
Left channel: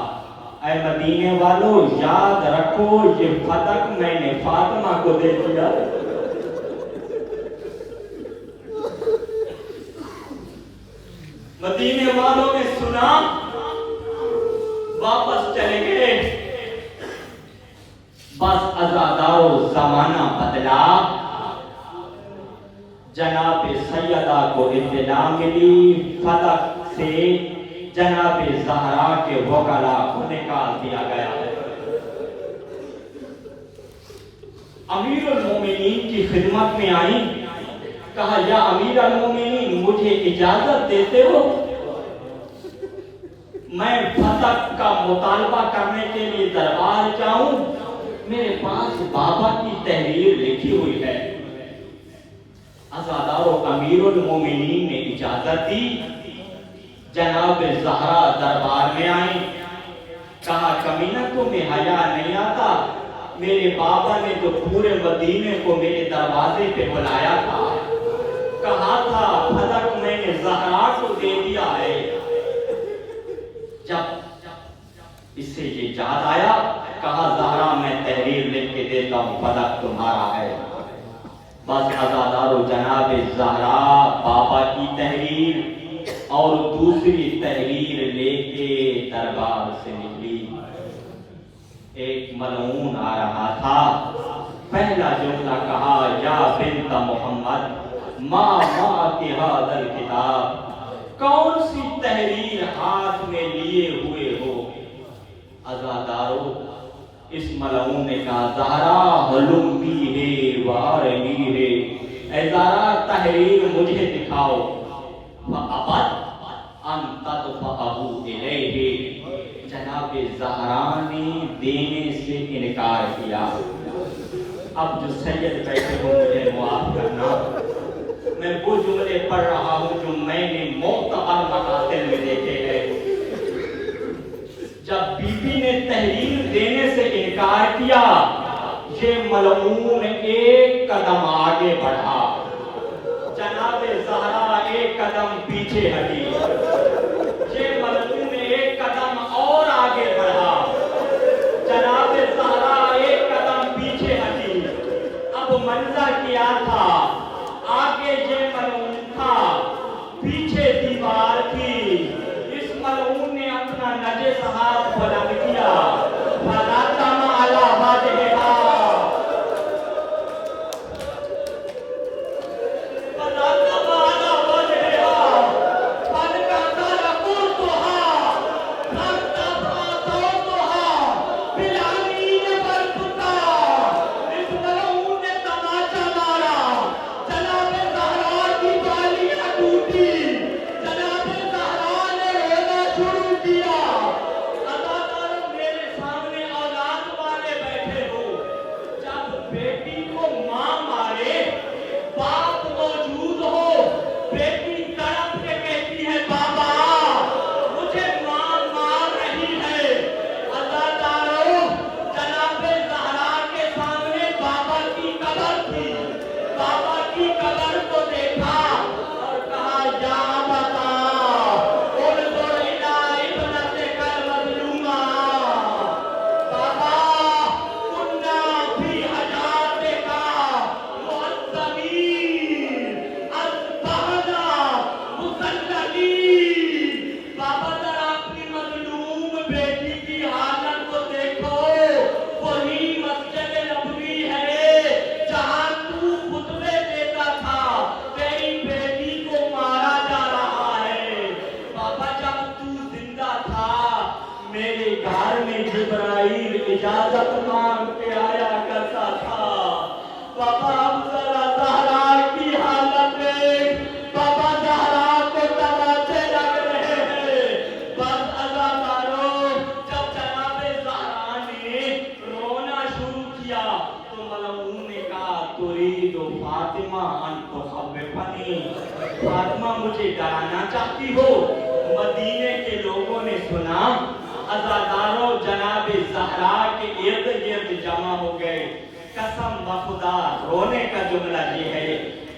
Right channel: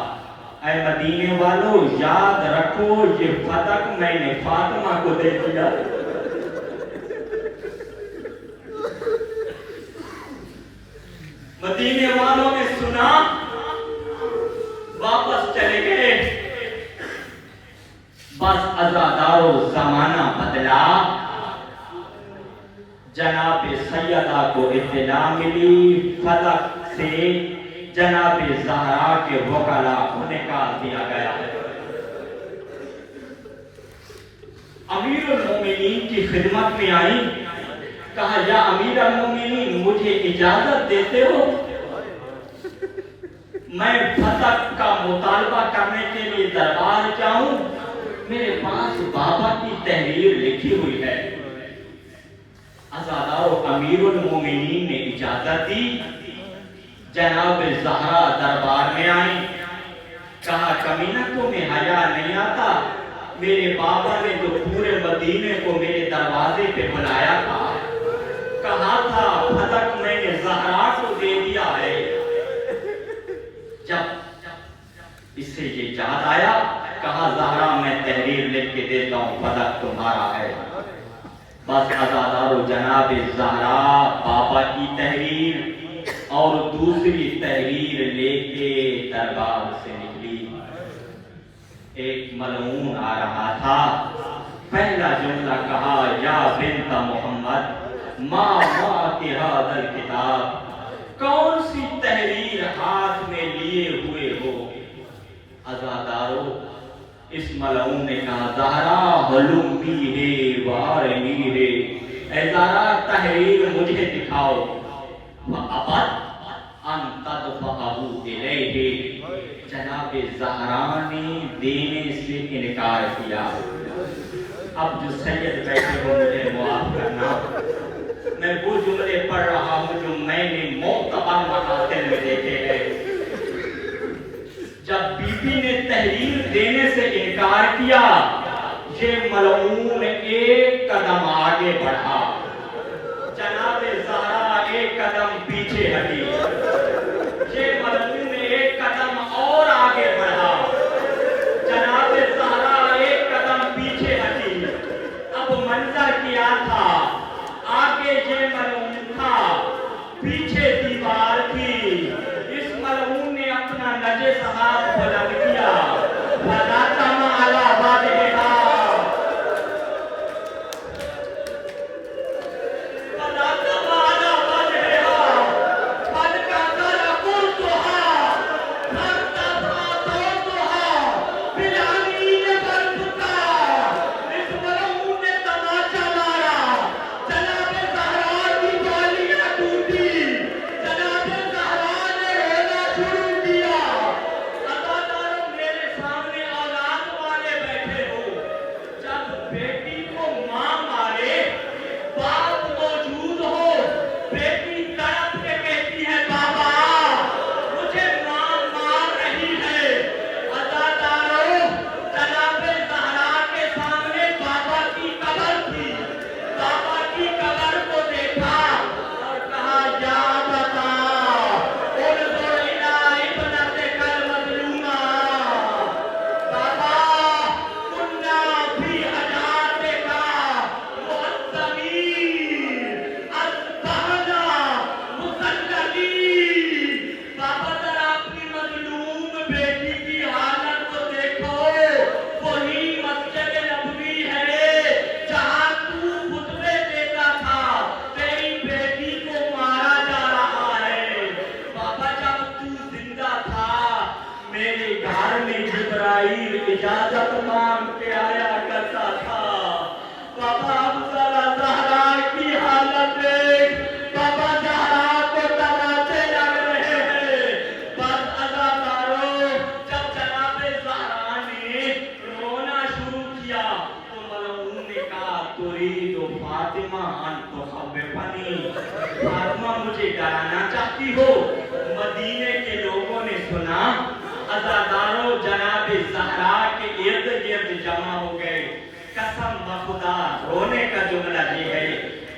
اے مدینے والو یاد رکھو یہ فتح میں نے فاطمہ کو دے دیا۔ مدینے والوں نے سنا، واپس چلے گئے۔ بس عزادارو زمانہ بدلا، جناب سیدہ کو اطلاع ملی، فتح سے جناب زہرا کے وکلا کو نکال دیا گیا۔ امیر المومنین کی خدمت میں آئی، کہا، یا امیر المومنین مجھے اجازت دیتے ہو میں فتح کا مطالبہ کرنے کے لیے دربار جاؤں؟ میرے پاس بابا کی تحریر لکھی ہوئی ہے۔ عزادارو امیر المومنین نے اجازت دی، جناب زہرا دربار میں آئیں، کہا کمینہ تمہیں حیا نہیں آتا؟ میرے بابا نے جو پورے مدینے کو میرے دروازے پہ بلایا تھا، کہا تھا پھلک میں نے زہرا کو دے دیا ہے۔ جب اس سے یہ یاد آیا، کہا زہرا میں تحریر لکھ کے دیتا ہوں، پھلک تمہارا ہے۔ بس عزادارو جناب زہرا بابا کی تحریر اور دوسری تحریر لے کے دربار سے نکلی۔ ایک ملعون آ رہا تھا، پہلا جملہ کہا یا بنت محمد ما کے هذا الکتاب، کون سی تحریر ہاتھ میں لیے ہوئے ہو؟ عزادارو اس ملعون نے کہا زہرا ہلمی ہے وارنی ہے، اے زہرا تحریر مجھے دکھاؤ۔ فَأَبَتْ أَن تَدْفَعَهُ إِلَيْهِ، جناب زہرا نے دینے سے انکار کیا۔ اب جو سید بیٹھے ہو مجھے معاف کرنا، میں وہ جملے پڑھ رہا ہوں جو میں نے معتبر محاتم میں دیکھے ہیں۔ جب بی بی نے تحریر دینے سے انکار کیا، یہ ملعون ایک قدم آگے بڑھا، جناب زہرا ایک قدم پیچھے ہٹی، یہ ملعون ایک قدم اور آگے بڑھا، جناب زہرا ایک قدم پیچھے ہٹی۔ اب منظر کیا تھا؟ آگے یہ ملعون تھا، پیچھے دیوار تھی۔ اس ملعون نے اپنا نجس ہاتھ بلند کیا، فَلَطَمَ عَلَى وَجْهِهَا، فَلَطَمَ عَلَى وَجْهِهَا، فَانْكَسَرَ قُرْطُهَا، فَارْتَفَعَ صَوْتُهَا بِالْعَنِينِ وَالْبُكَاءِ۔ اس ملعون نے تماچا مارا، جناب زہرا کی بالیاں ٹوٹی، جناب زہرا نے رونا شروع کیا۔ عزادارو میرے سامنے اولاد والے بیٹھے ہو، جب بیٹی کو ماں مارے، باپ موجود ہو، بیٹی تڑپ کے کہتی ہے بابا مجھے ماں مار رہی ہے۔ عزادارو جناب زہرا کے سامنے بابا کی قبر تھی، بابا کی قبر کو دیکھا اور کہا یا ابتا انظر الی ابنتک المظلومہ، بابا کنا فی حیاتک معذبین اصبحنا مسلمین۔ بابا ذرا اپنی مظلوم بیٹی کی حالت کو دیکھو، وہی مسجد نبوی ہے جہاں تو خطبے دیتا تھا، تیری بیٹی کو مارا جا رہا ہے۔ بابا جب تو زندہ تھا میرے گھر میں جبرائیل اجازت مانگ کے آیا کرتا تھا۔ بابا اب ذرا زہرا کی حالت دیکھ، بابا زہرا کو تماچے لگ رہے ہیں۔ بس عزادارو جب جناب زہرا نے رونا شروع کیا تو ملعون نے کہا ترید فاطمہ ان تخوفنی، فاطمہ مجھے ڈرانا چاہتی ہو؟ مدینے کے لوگوں نے سنا، عزادارو جناب زہرا کے ارد گرد جمع ہو گئے۔ قسم بخدا رونے کا جملہ یہ ہے،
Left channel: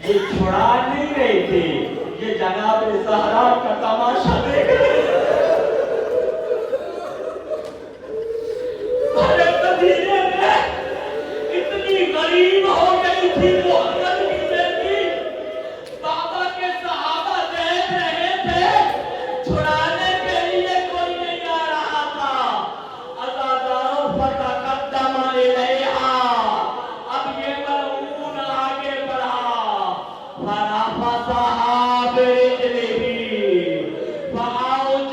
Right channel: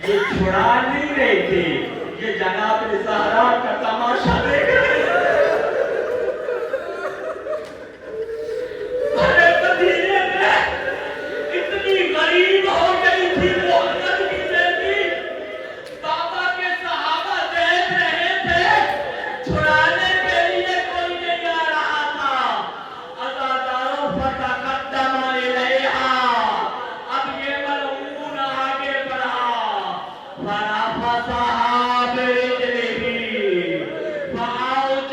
یہ چھڑا نہیں رہے تھے، یہ جناب زہرا کا تماشا دیکھ رہے تھے۔ ارے مدینے میں اتنی غریب ہو گئی تھی محمد کی بیٹی، بابا کے صحابہ دیکھ رہے تھے، چھڑانے کے لیے کوئی نہیں آ رہا تھا۔ عزادارو فتقدم الیہا، اب یہ ملعون آگے بڑھا، فرفسها برجلہ فأوجس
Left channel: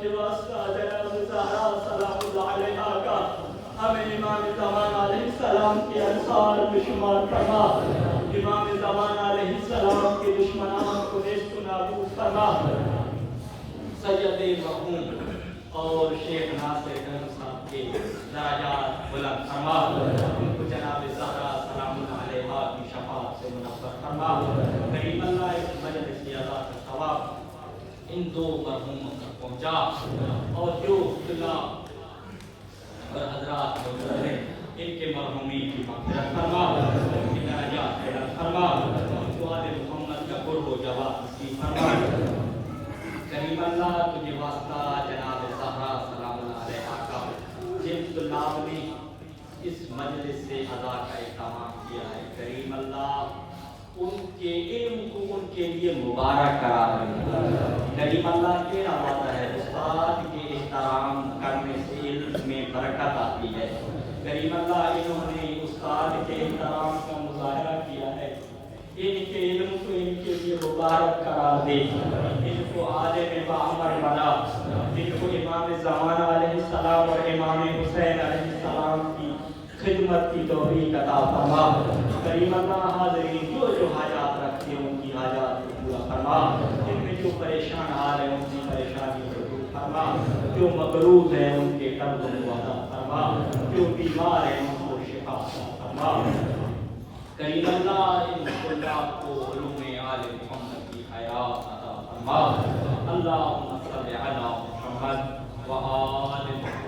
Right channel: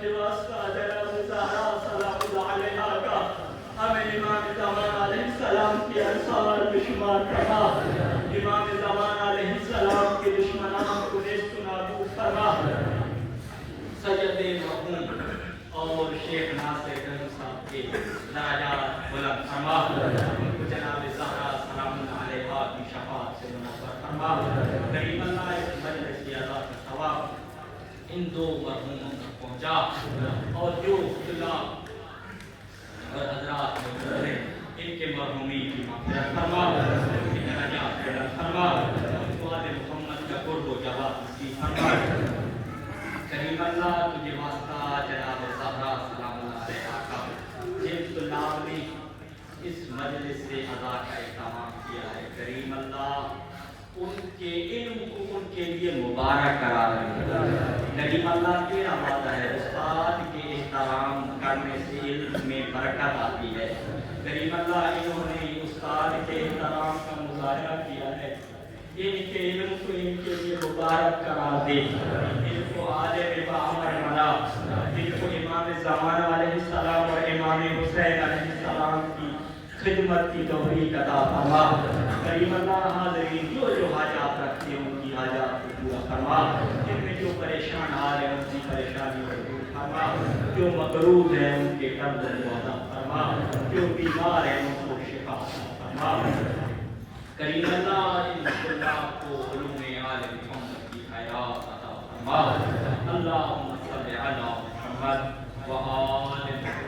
کے واسطہ جناب زہرا سلام اللہ علیہا کا ہمیں امام زمان علیہ السلام کی انصار میں شمار فرما، امام زمان علیہ السلام کے دشمنان کو نیست و نابود فرما، سید مرحوم اور شیخ ناصر گنج صاحب کے درجات بلند فرما، ان کو جناب زہرا سلام اللہ علیہا کی شفاعت سے منور فرما۔ کریم اللہ اس مجلس کی عزا کا ثواب ان دو مرحوموں تک پہنچا، اور جو خدا اور حضرات موجود ہیں ان کے مرحومین کی مغفرت فرما، ان کی درجات بلند فرما، جو آل محمد کا قرب و جواب نصیب فرما۔ کریم اللہ تجھے واسطہ جناب زہرا سلام اللہ علیہا کا جن طلاب نے اس مجلس سے ادا کا اہتمام کیا ہے، کریم اللہ ان کے علم کو ان کے لیے مبارک قرار دے۔ کریم اللہ تیرا وعدہ ہے استاد کے احترام کرنے سے علم میں برکت آتی ہے۔ کریم اللہ انہوں نے استاد کے احترام کا مظاہرہ کیا ہے، ان کے علم کو ان کے لیے مبارک قرار دے، ان کو عالم باعمر بنا، ان کو امام زمان علیہ السلام اور امام حسین علیہ السلام کی خدمت کی توفیق عطا فرما۔ کریم اللہ حاضرین جو حاجات رکھتے ہیں ان کی حاجات کو پورا فرما، ان میں جو پریشان حال ہے ان کی پریشانی کو دور فرما، جو مقروض ہیں ان کے قرض کو ادا فرما، جو بیمار ہیں ان کو شفا عطا فرما۔ کریم اللہ ان طلاب کو علوم آل محمد کی حیات عطا فرما۔ اللہم صل علی محمد و آل محمد۔